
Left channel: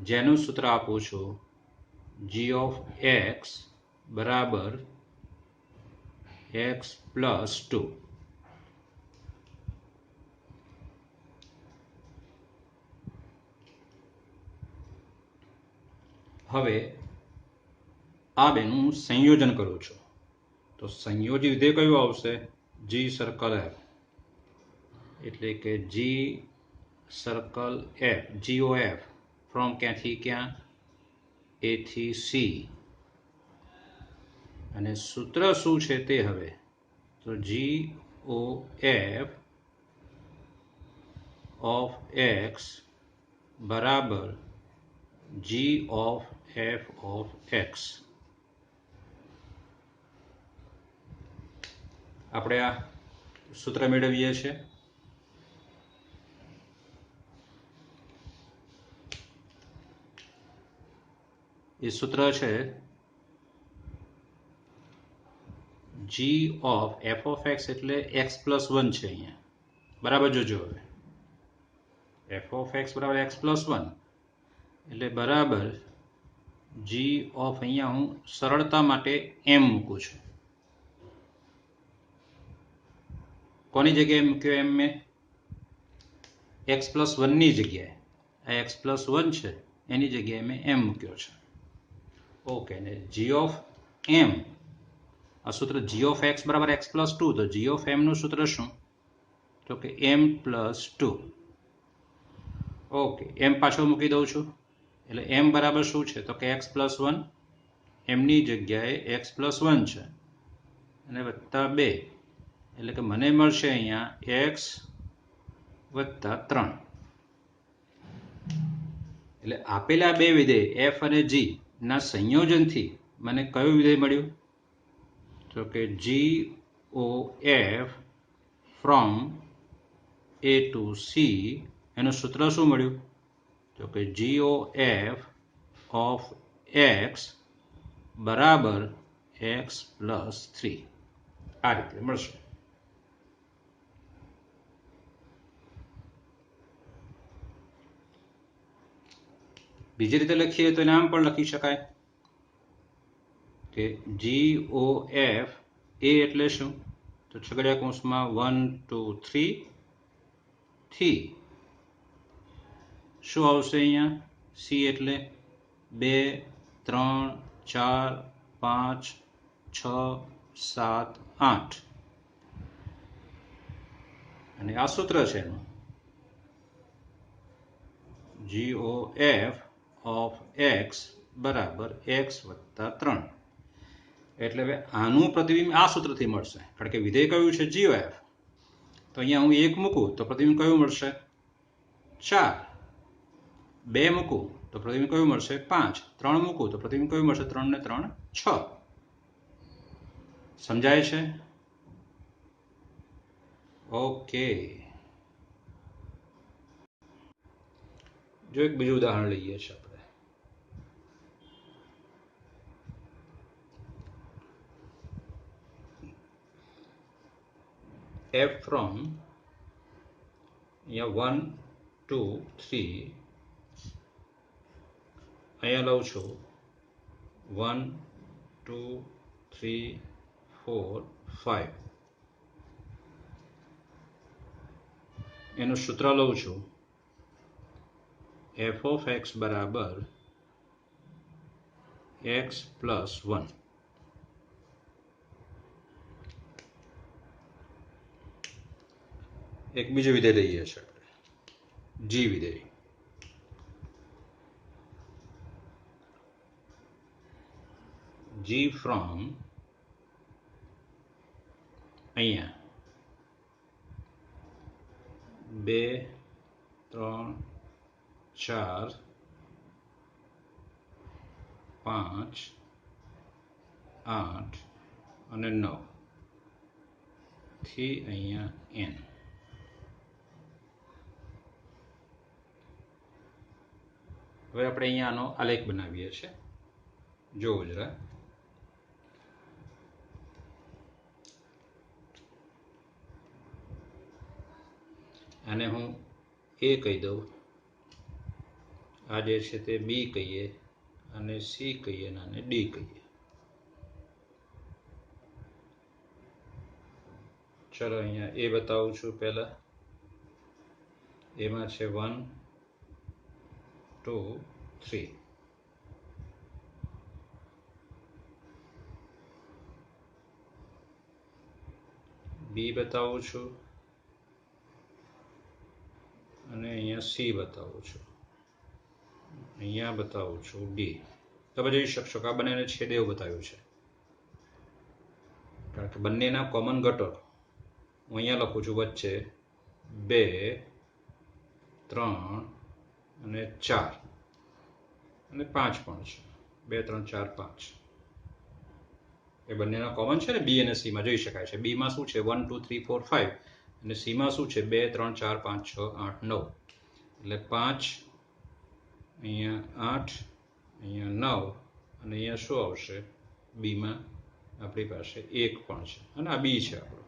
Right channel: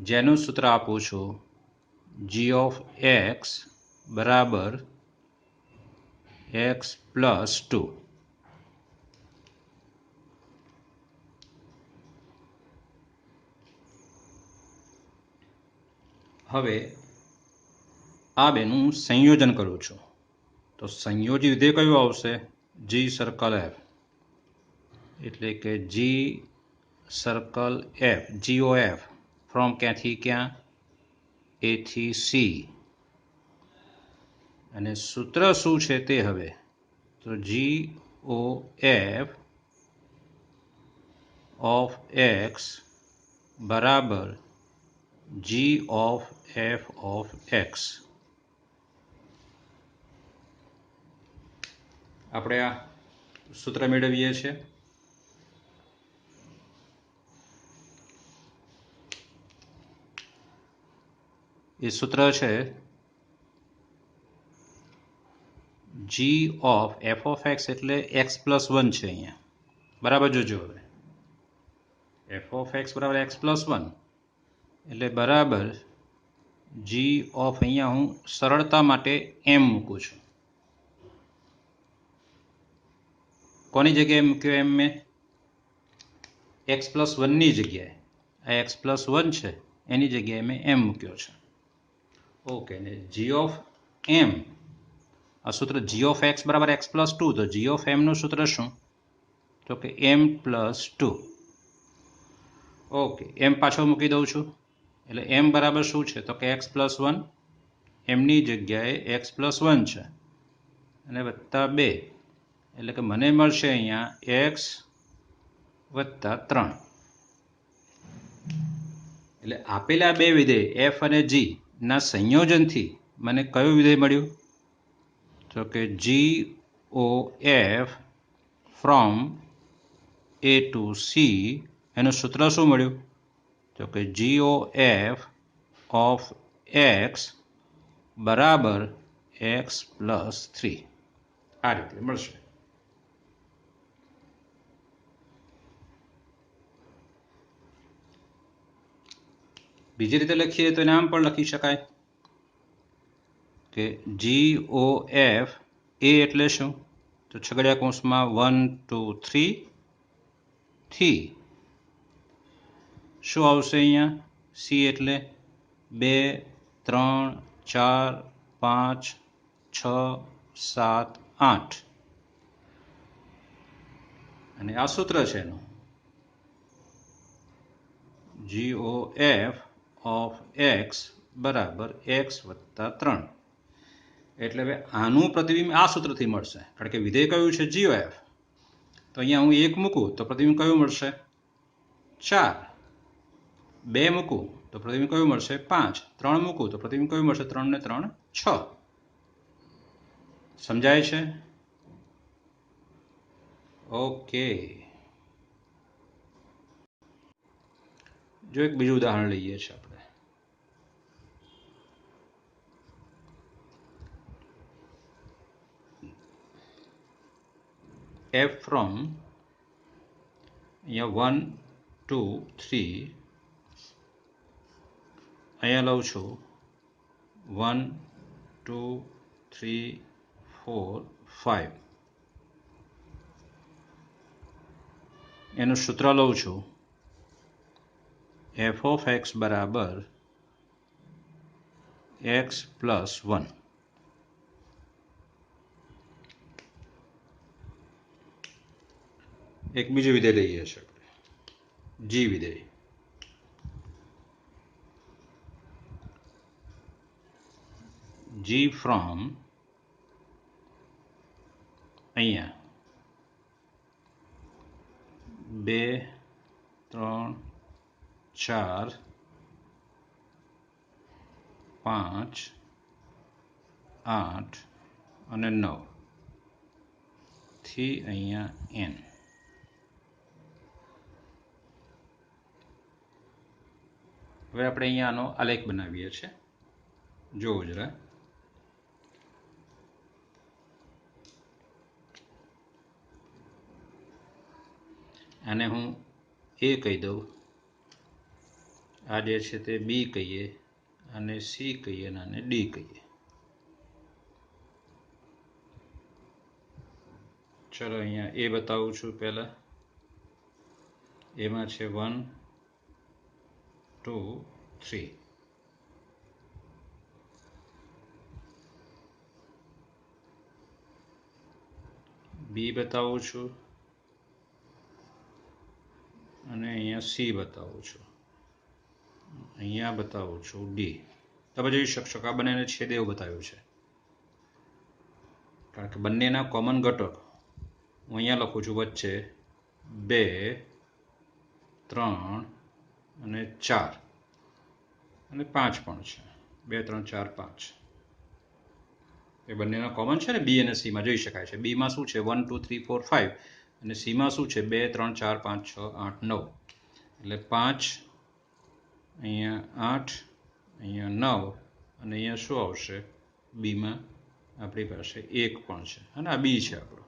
જેનું સૂત્ર આપું છું જી ઓફ એક્સ બરાબર એક્સ પ્લસ 2. હવે આ બેનું સંયોજન કરું છું તો સંયોજિત વિધેય કયું આવશે? જી સર્કલ એફ, એટલે કે G circle F, G O F from ક્યાંથી ક્યાં? એ થી સી. અને સૂત્ર શું છે તે હવે? તો જી ઓ એફ ઓફ એક્સ બરાબર G of F of x. આપણે આ સૂત્ર મેળવીએ છીએ. એ સૂત્ર છે જી ઓફ એફ ઓફ એક્સ એટલે એક્સ પ્લસ 1 છે અહીંયા. બરાબર જોજો. હવે એફ ઓફ એક્સ બરાબર એક્સ પ્લસ 1 એટલે બરાબર જી ઓફ, અહીંયા હું સરળતા માટે એમ મૂકું છું. કોની જગ્યાએ મૂક્યો એમ? મેં એક્સ પ્લસ 1ની જગ્યાએ. આ એક્સ પ્લસ 1 છે એની જગ્યાએ મેં એમ મૂક્યો છે. ઓકે. ને જી ઓફ એમ, આ સૂત્ર જી ઓફ એક્સ બરાબર એક્સ પ્લસ 2, તો જી ઓફ એમનું સૂત્ર શું? તો કે એમ પ્લસ 2. ઓકે, એમ પાછો મૂકી દઉં છું એટલે એમ બરાબર શું છે? તો કે એક્સ પ્લસ 1, એમની જગ્યાએ એક્સ પ્લસ 1 છે અને વત્તા 2, એટલે કે મને મળશે અહીંયા એક્સ વત્તા 3. એટલે આપેલા બે વિધેય એફ અને જી ના સંયોજનથી મને કયું વિધેય મળ્યું? તો કે G O F from A to C. એનું સૂત્ર શું મળ્યું? તો કે G O F of X બરાબર એક્સ પ્લસ 3. આ રીતે મળશે. બીજી રીતે લખીએ તો આમ પણ લખી શકાય કે જી ઓ એફ એ એટલે શું? તો છગડિયા કૌંસમાં 1 2 3 થી શું આવશે અહીંયા? સી એટલે 2 3 4 5 6 7 8. અને આ સૂત્ર છે એનું જી ઓ એફ ઓફ એક્સ બરાબર એક્સ વત્તા 3. એટલે હવે આનું પ્રતિબિંબ આ સૂત્રથી મળશે, કારણ કે વિધેય કયું છે? જી ઓ એફ. તો અહીંયા હું 1 મૂકું તો પ્રતિબિંબ કયું મળશે? 4. 2 મૂકું તો પ્રતિબિંબ કયું મળશે? 5. 3 મૂકું તો પ્રતિબિંબ કયું મળશે? 3 ને 3 6. સમજાય છે? ઓકે. જો એક બીજું ઉદાહરણ લઈએ છીએ આપણે. એફ ફ્રોમ અહીંયા 1 2 3, અહીંયા લઉં છું 1 2 3 4 5. એનું સૂત્ર લઉં છું એફ ઓફ એક્સ બરાબર એક્સ પ્લસ 1. એક બીજું વિધેય લઈએ છીએ, જી વિધેય. જી ફ્રોમ અહીંયા 2 3 4 5 8 અને 9 થી અહીંયા n. હવે આપણે અહીંયા આનો આલેખ બનાવીએ છીએ. જોવો જરા. આને હું A કહી દઉં, આ જે છે તે B કહીએ, અને C કહીએ, અને આને D કહીએ. ચલો અહીંયા A બતાવું છું પહેલા. એમાં છે 1 2 3. B બતાવું છું અને અહીંયા C બતાવું છું, અહીંયા બતાવું છું D. તમે જોઈ શકશો કે આ બંનેને છેદે એવું બતાવ્યું છે, કારણ કે બંનેના કોમન ઘટક હું અહીંયા લખું છું વચ્ચે 2 3 અને 4 અને 5 પણ છે. 2 3 4 5 એ બંનેના કોમન છે ને. B અને C માં જોઈ શકાય છે. B માં શું છે 1 2 3 4 5 અને C માં શું છે 2 3 4 5 6 8 9. એટલે 5 અહીંયા 8 અહીંયા 9 અને અહીંયા શું આવશે B માં આપણી પાસે 1 પણ છે, અને આ B છે આપણું,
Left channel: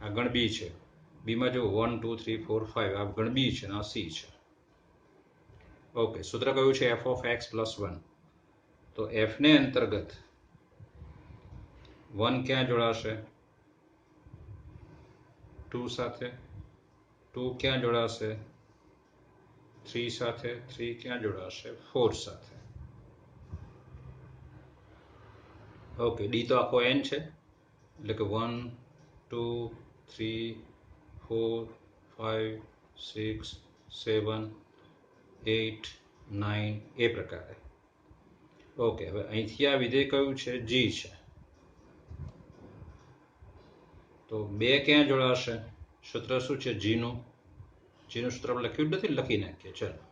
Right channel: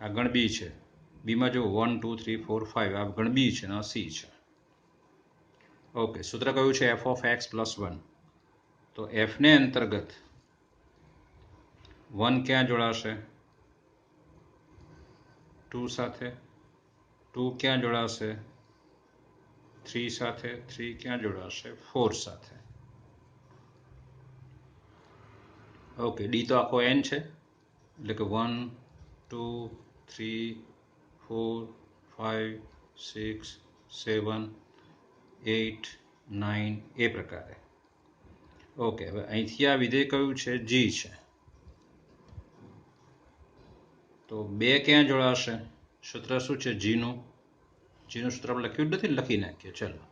આ ગણ B છે. B માં જો 1 2 3 4 5 આ ગણ B છે અને આ C છે. ઓકે, સૂત્ર કયું છે f of x plus 1. તો f ને અંતર્ગત 1 ક્યાં જોડાશે 2 સાથે, 2 ક્યાં જોડાશે 3 સાથે, 3 ક્યાં જોડાશે 4 સાથે. ઓકે, D તો આખો n છે, એટલે કે 1 2 3 4 5 6 7 8 9 એ પ્રકારે. ઓકે, હવે અહીંથી આ વિધેય કયું છે G છે. તો 2 ક્યાં જોડાશે, સૂત્ર શું છે G નું સૂત્ર આપણે લખ્યું જ નથી, લખી નાખીએ. ચલો,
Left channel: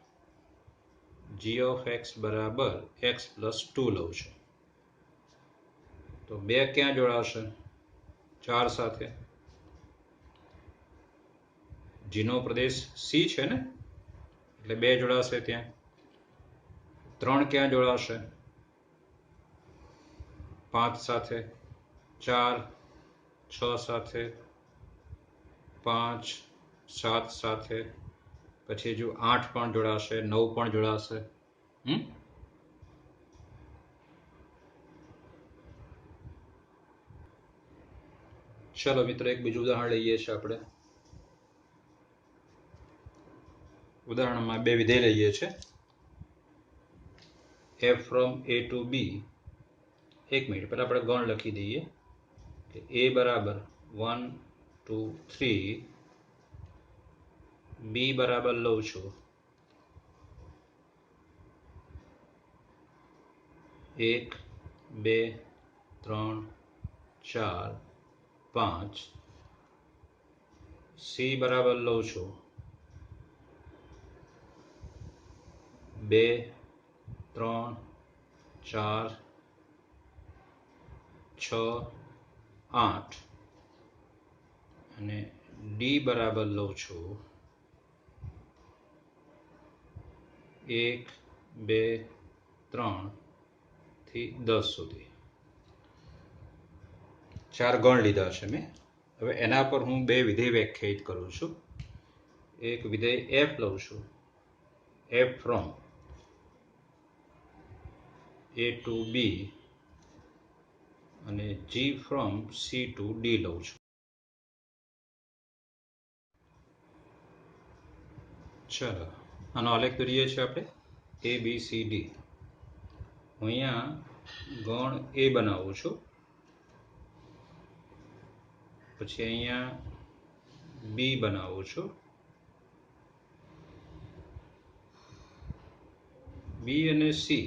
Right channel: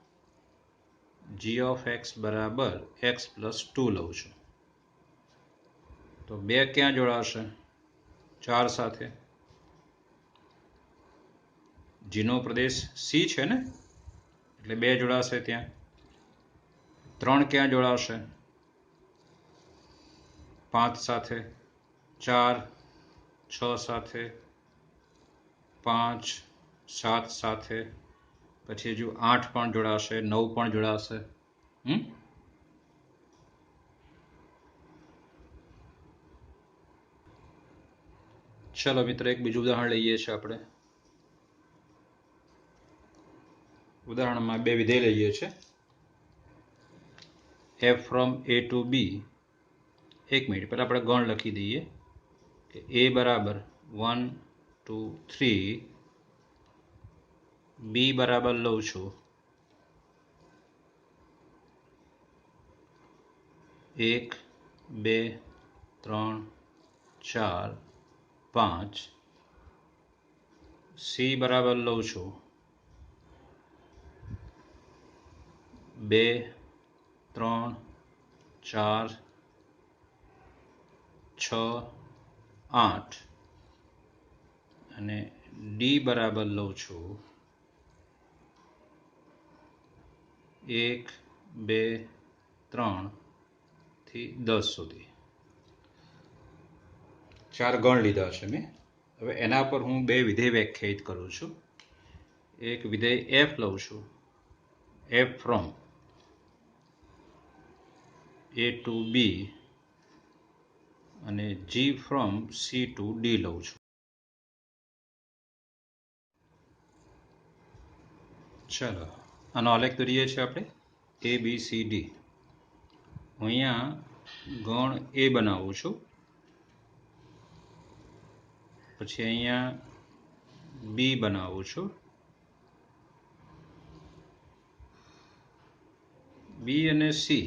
G of x બરાબર x plus 2 લઉં છું. તો 2 ક્યાં જોડાશે 4 સાથે. G નો પ્રદેશ C છે ને, એટલે 2 જોડાશે ત્યાં. 3 ક્યાં જોડાશે 5 સાથે, 4 6 સાથે, 5 7 સાથે, પછી હજુ 8 પણ જોડાશે, 9 પણ જોડાશે. ચલો મિત્રો, એક બીજું ઉદાહરણ લઈએ છીએ આપણે. ઉદાહરણમાં 2 વિધેય લઈએ છીએ, f from a to b. એક મિનિટ પહેલા આપણે ગણ લખી દઈએ કે a બરાબર 1 2 3, b બરાબર લઉં છું 1 2 3 4 5, c બરાબર લઉં છું 2 3 4 6 8 અને D બરાબર લઉં છું 1 2 3 થી 10 સુધી. 4 ગણ લીધા છે મેં. હવે એના પર હું 2 વિધેય વ્યાખ્યાયિત કરું છું. એક વિધેય f લઉં છું, f from a to b, અને g from c to d લઉં છું. ચલો, આનો આલેખ દોરીએ છીએ આપણે a b c d. હું અહીંયા ગણ a બનાવું છું, પછી અહીંયા b બનાવું છું, b અને c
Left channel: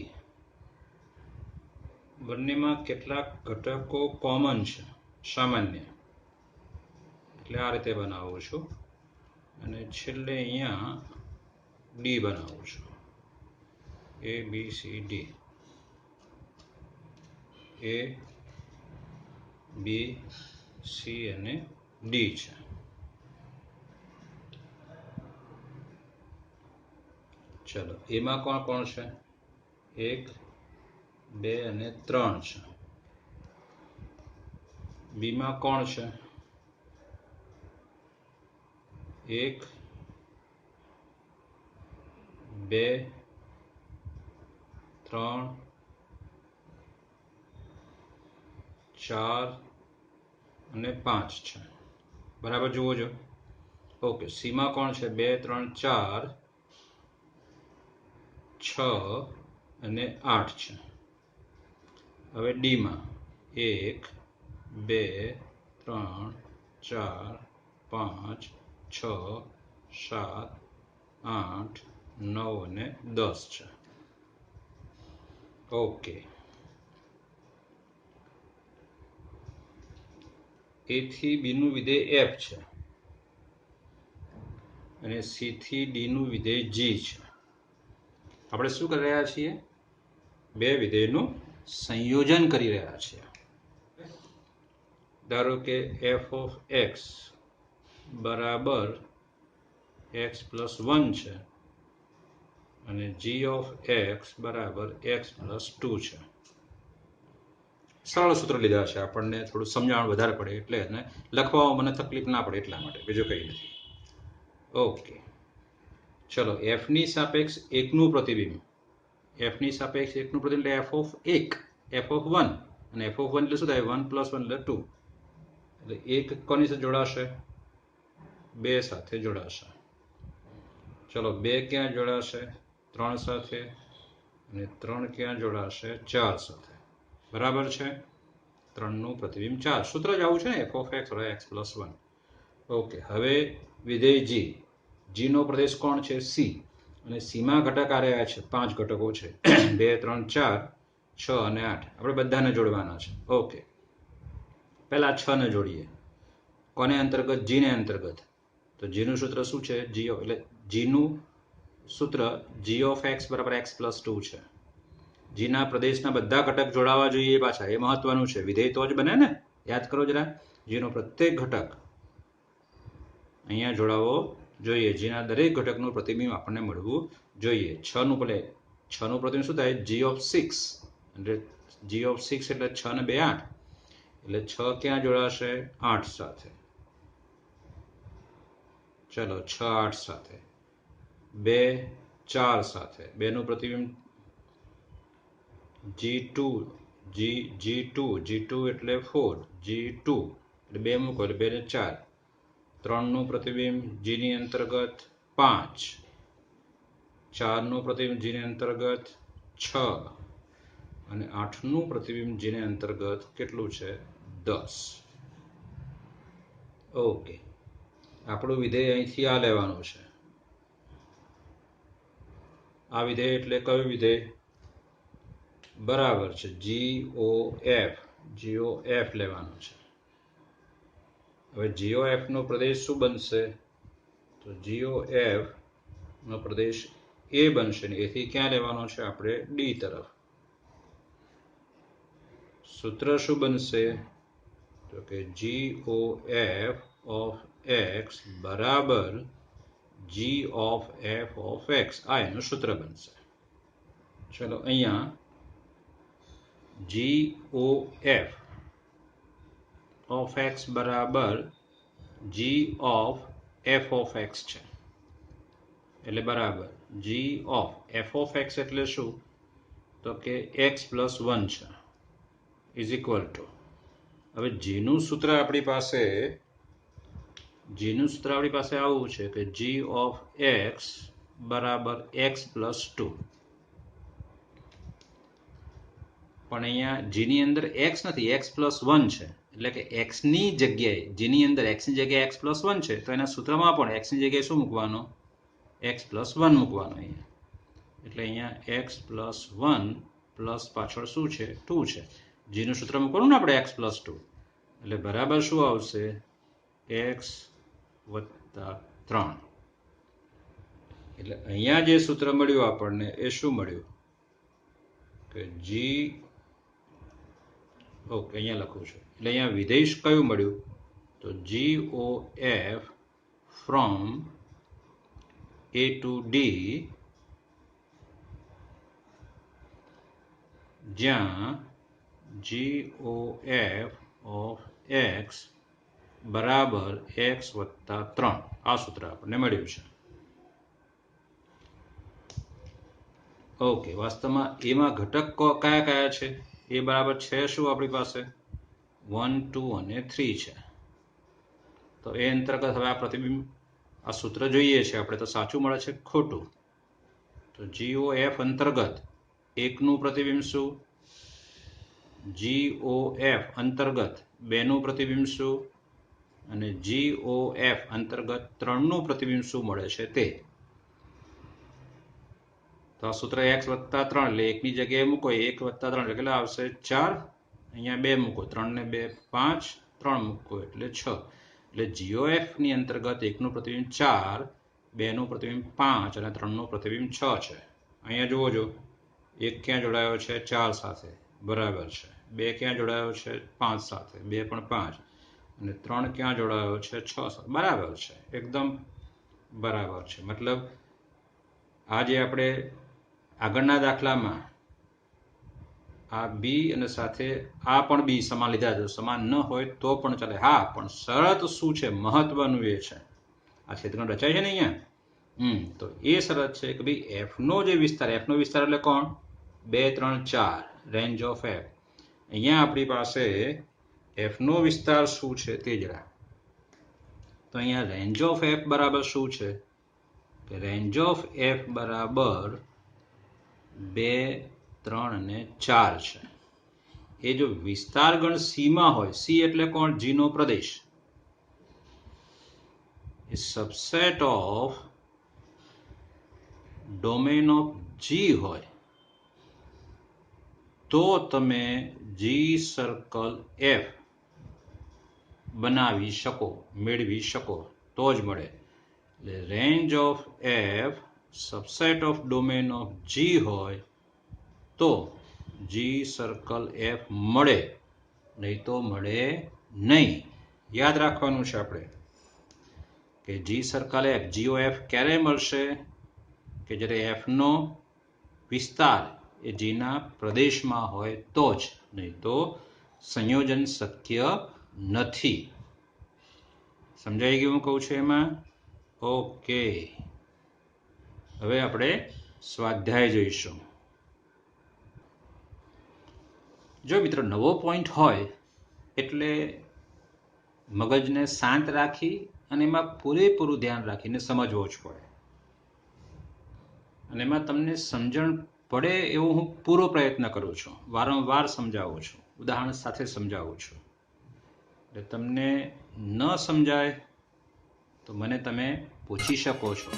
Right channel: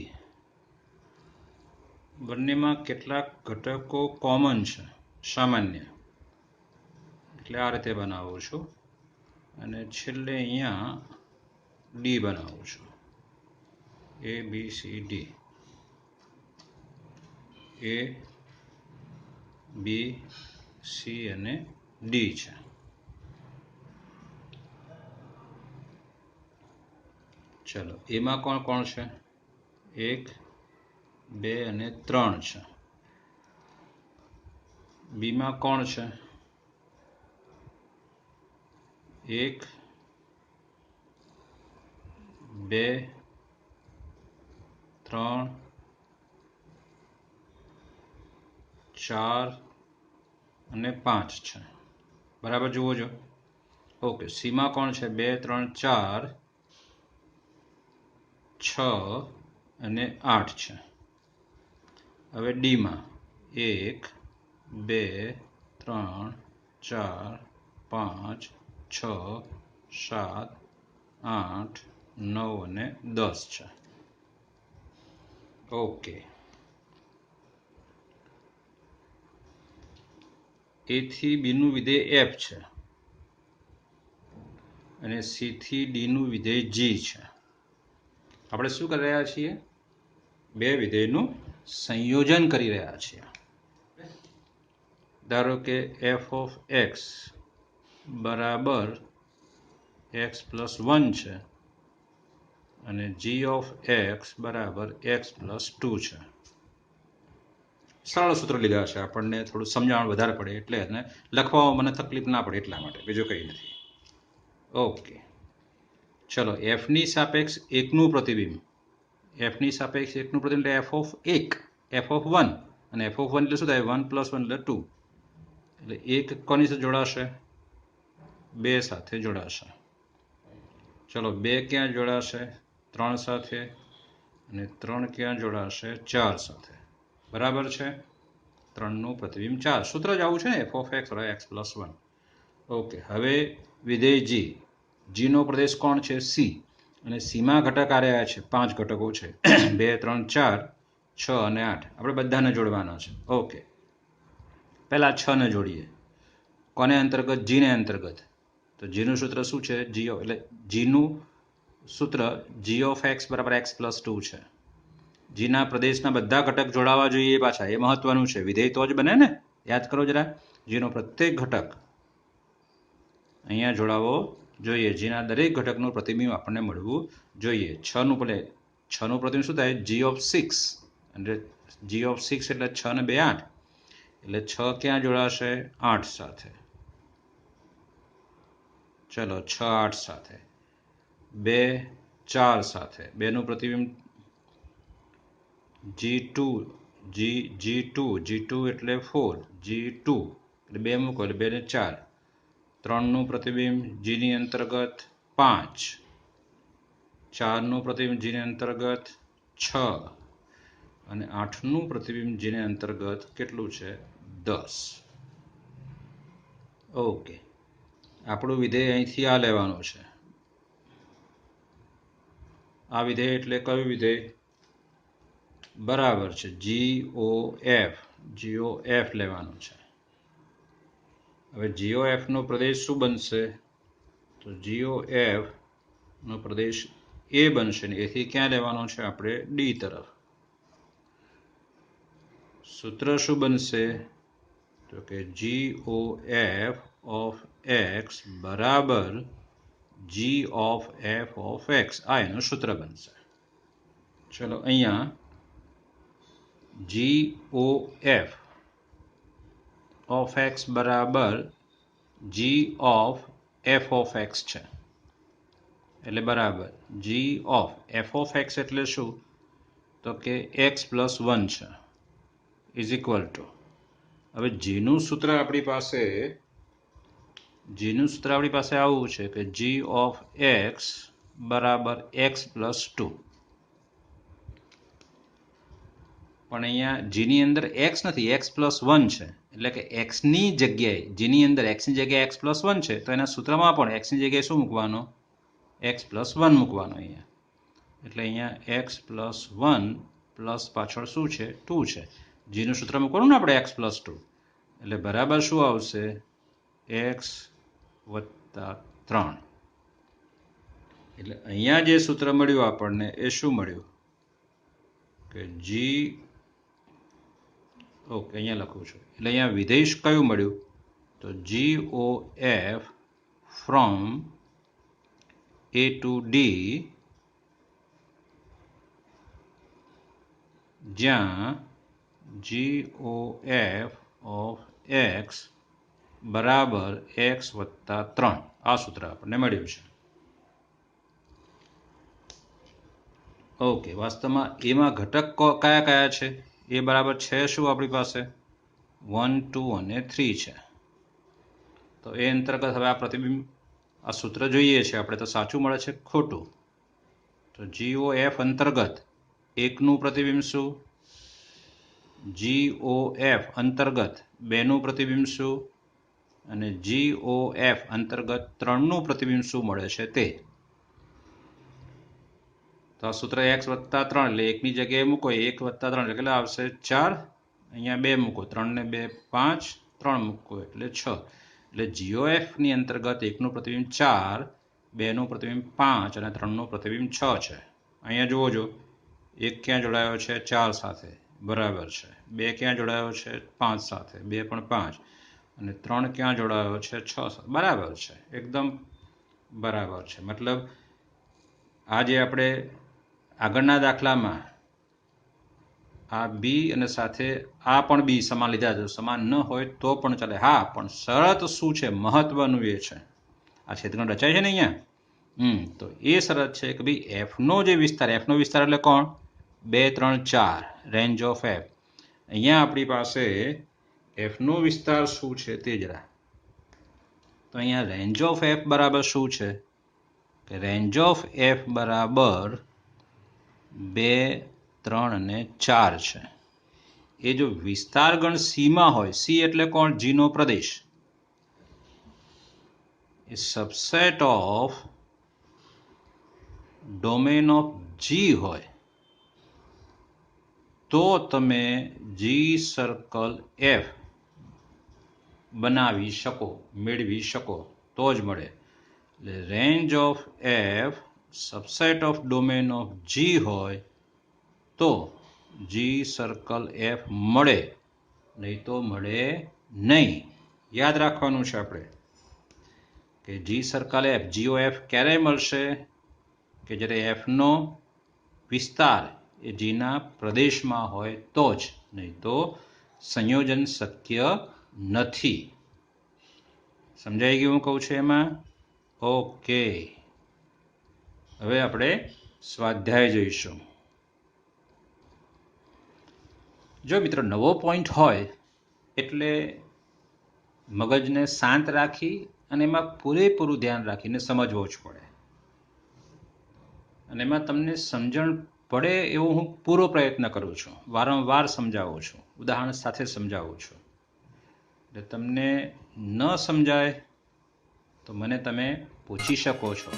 બંનેમાં કેટલાક ઘટકો કોમન છે, સામાન્ય, એટલે આ રીતે બનાવું છું. અને છેલ્લે અહીંયા ડી બનાવું છું. A B C D A B C અને D છે. ચલો એમાં કોણ કોણ છે? 1 2 અને 3 છે. બી માં કોણ છે? 1 2 3 4 અને 5 છે. બરાબર જુઓ છો. ઓકે, સી માં કોણ છે? 2 3 4 6 અને 8 છે. હવે ડી માં 1 2 3 4 5 6 7 8 9 અને 10 છે. ઓકે, એ થી બી નું વિધેય એફ છે અને સી થી ડી નું વિધેય જી છે. આપણે શું કરી રહ્યા છીએ? બે વિધેયનું સંયોજન કરી રહ્યા છીએ. ધારો કે એફ ઓફ એક્સ બરાબર એક્સ પ્લસ 1 છે અને જી ઓફ એક્સ બરાબર એક્સ પ્લસ 2 છે. સરળ સૂત્ર લીધા છે, આપણને થોડું સમજાવણ વધારે પડે એટલે એને લખવામાં મને તકલીફ ના પડે એટલા માટે, બીજું કંઈ નથી. ઓકે, ચલો એફની સાપેક્ષ એકનું પ્રતિબિંબ, એફની સાપેક્ષ એકનું પ્રતિબિંબ એટલે એફ ઓફ 1, એફ ઓફ 1 અને એફ ઓફ 1 એટલે શું થાય? 1 + 1 એટલે 2. એટલે એક કોની સાથે જોડાશે? 2 સાથે જોડાશે. ચલો 2 ક્યાં જોડાશે? 3 સાથે. અને 3 ક્યાં જોડાશે? 4 સાથે. બરાબર છે. 3 નું પ્રતિબિંબ 4. સૂત્ર જ આવું છે ને, એફ ઓફ એક્સ બરાબર એક્સ પ્લસ 1. ઓકે, હવે વિધેય જી, જી નો પ્રદેશ કોણ છે? સી. અને સીમાં ઘટક આ રહ્યા છે, 5 ઘટકો છે 2 3 4 6 અને 8. આપણે બધાને જોડવાના છે. ઓકે, પહેલા 6 ને જોડીએ. કોને અંતર્ગત? જી ને અંતર્ગત. તો જી નું સૂત્ર શું છે? જી એટલે જી નું સૂત્ર જી ઓફ એક્સ બરાબર એક્સ પ્લસ 2 છે. જીના પ્રદેશના બધા ઘટક જોડાવા જોઈએ પાછા, એ મહત્વનું છે. વિધેય તો જ બને ને, યાદ કરો જરા. જીનો પ્રત્યેક ઘટક અહીંયા જોડાવો જોઈએ. જીના દરેક ઘટકનું પ્રતિબિંબ આપણને મળવું જોઈએ. 6 નું પ્રતિબિંબ શું થાય? G of 6. એટલે જી ઓફ 6 એટલે 6 ને 2 8. એટલે 6 ક્યાં જોડાશે? 8 સાથે. ચલો 6 8 સાથે. 2 4 સાથે. 2 નું પ્રતિબિંબ G2 G2 એટલે 4, G2 એટલે 2 મૂકો એટલે 2 ને 4. 3 નું પ્રતિબિંબ G ની અંતર્ગત 5, 4 નું પ્રતિબિંબ G ની અંતર્ગત 6 અને 8 નું પ્રતિબિંબ G ની અંતર્ગત કેટલું છે? 10. ઓકે, આપણું વિધેય અહીંથી આ લેવાનું છે. આ વિધેય એટલે કયું વિધેય? બરાબર છે, GOF લેવાનું છે. હવે GOF નો પ્રદેશ શું બનશે? તો GOF નો પ્રદેશ એ બનશે ને એથી ક્યાં લેવાનો છે? આપણે ડી તરફ. સૂત્ર શું બનશે? તો કે GOF ઓફ એક્સ બરાબર G of F of x. આ એનું સૂત્ર બનશે. ચલો અહીંયા GOF ઓફ એક્સ બરાબર G of F of x છે. એટલે બરાબર G of F of X એટલે શું? તો કે એક્સ પ્લસ 1 છે ઇઝ ઇક્વલ ટુ. હવે જીનું સૂત્ર આપણી પાસે આવું છે કે જી ઓફ એક્સ બરાબર એક્સ પ્લસ 2. પણ અહીંયા જીની અંદર એક્સ નથી, એક્સ પ્લસ 1 છે. એટલે કે એક્સની જગ્યાએ, જીની અંદર એક્સની જગ્યાએ એક્સ પ્લસ 1 છે, તો એના સૂત્રમાં પણ એક્સની જગ્યાએ શું મૂકવાનો? એક્સ પ્લસ 1 મૂકવાનો અહીંયા. એટલે અહીંયા એક્સ પ્લસ 1 પ્લસ પાછળ શું છે? 2 છે. જીનું સૂત્ર મૂકવાનું ને આપણે એક્સ પ્લસ 2. એટલે બરાબર શું આવશે? એક્સ વત્તા 3. એટલે અહીંયા જે સૂત્ર મળ્યું આપણને એ શું મળ્યું કે જી ઓકે અહીંયા લખું છું એટલે અહીંયા વિધેય કયું મળ્યું તો GOF from A to D જ્યાં GOF ઓફ x બરાબર x વત્તા 3 આ સૂત્ર આપણને મળ્યું છે. ઓકે વાસ્તવમાં એમાં ઘટક કયા કયા છે એ બરાબર છે શું આપણી પાસે 1 2 અને 3 છે. તો એ અંતર્ગત હવે આ પ્રતિબિંબ આ સૂત્ર જોઈએ છે આપણે તો સાચું મળે છે ખોટું. તો GOF અંતર્ગત 1 નું પ્રતિબિંબ શું GOF અંતર્ગત 2 નું પ્રતિબિંબ શું અને GOF અંતર્ગત 3 નું પ્રતિબિંબ શું મળે છે તે. તો આ સૂત્ર x વત્તા 3 એટલે 1 ની જગ્યાએ મૂકો 1 વત્તા 3 એટલે કેટલા આવશે 4 અહીંયા 2 મૂકો 3 ને 2 5 3 મૂકો એટલે 6 એટલે GOF ની અંતર્ગત 1 નું પ્રતિબિંબ 4 2 નું પ્રતિબિંબ 5 અને 3 નું પ્રતિબિંબ 6 છે. અહીંયા જુઓ જો 1 ક્યાં જોડાયો છે 4 સાથે બરાબર છે 2 ક્યાં જોડાયો છે 5 સાથે 2 પણ 5 અને 3 ક્યાં જોડાયો છે 6 સાથે બરાબર છે એકદમ બરાબર છે. મતલબ આ જે આપણે આગળના દાખલામાં આ બી અને સાથે આ પણ બી સમાન લીધા છે સમાન ન હોય તો પણ ચાલે હા પણ શરત શું છે મહત્વનું એ છે આ ક્ષેત્રખંડ રચાય છે ને અહીંયા તો એ શરત છે કે ભાઈ એફનો જે વિસ્તાર એફનો વિસ્તાર એટલે કોણ 2 3 4 રેન્જ ઓફ એફ. અહીંયા આપણી પાસે એફનો વિસ્તાર શું છે તે જરા તો અહીંયા રેન્જ ઓફ એફ બરાબર શું છે કે રેન્જ ઓફ એફ બરાબર 2 3 અને 4 છે. એ જો વિસ્તાર ગણ સી માં હોય સી એટલે કોણ જી નો પ્રદેશ એ સબસેટ ઓફ ડોમેન ઓફ જી હોય તો તમે જી સર્કલ એફ બનાવી શકો મેળવી શકો તો જ મળે. એટલે range of f subset of domain of જી હોય તો જી સર્કલ એફ મળે નહીં તો મળે નહીં. યાદ રાખવાનું છે આપણે કે જી સર્કલ એફ GOF ક્યારે મળશે કે જ્યારે એફનો વિસ્તાર એ જીના પ્રદેશમાં હોય તો જ નહીં તો સંયોજન શક્ય નથી. સમજાઈ ગયું હું કહું છું એમાં ઓકે. હવે આપણે સ્વાધ્યાય જઈશું. જો મિત્રો નવો પોઈન્ટ હોય એટલે મગજને શાંત રાખી અને એમાં પૂરેપૂરું ધ્યાન રાખીને સમજવો જ પડે અને એમાં તમને સમજણ પડે એવો હું પૂરો પ્રયત્ન કરું છું વારંવાર સમજાવું છું ઉદાહરણ સાથે સમજાવું છું. એટલે તમને ન સમજાય તો મને તમે પૂછી શકો છો.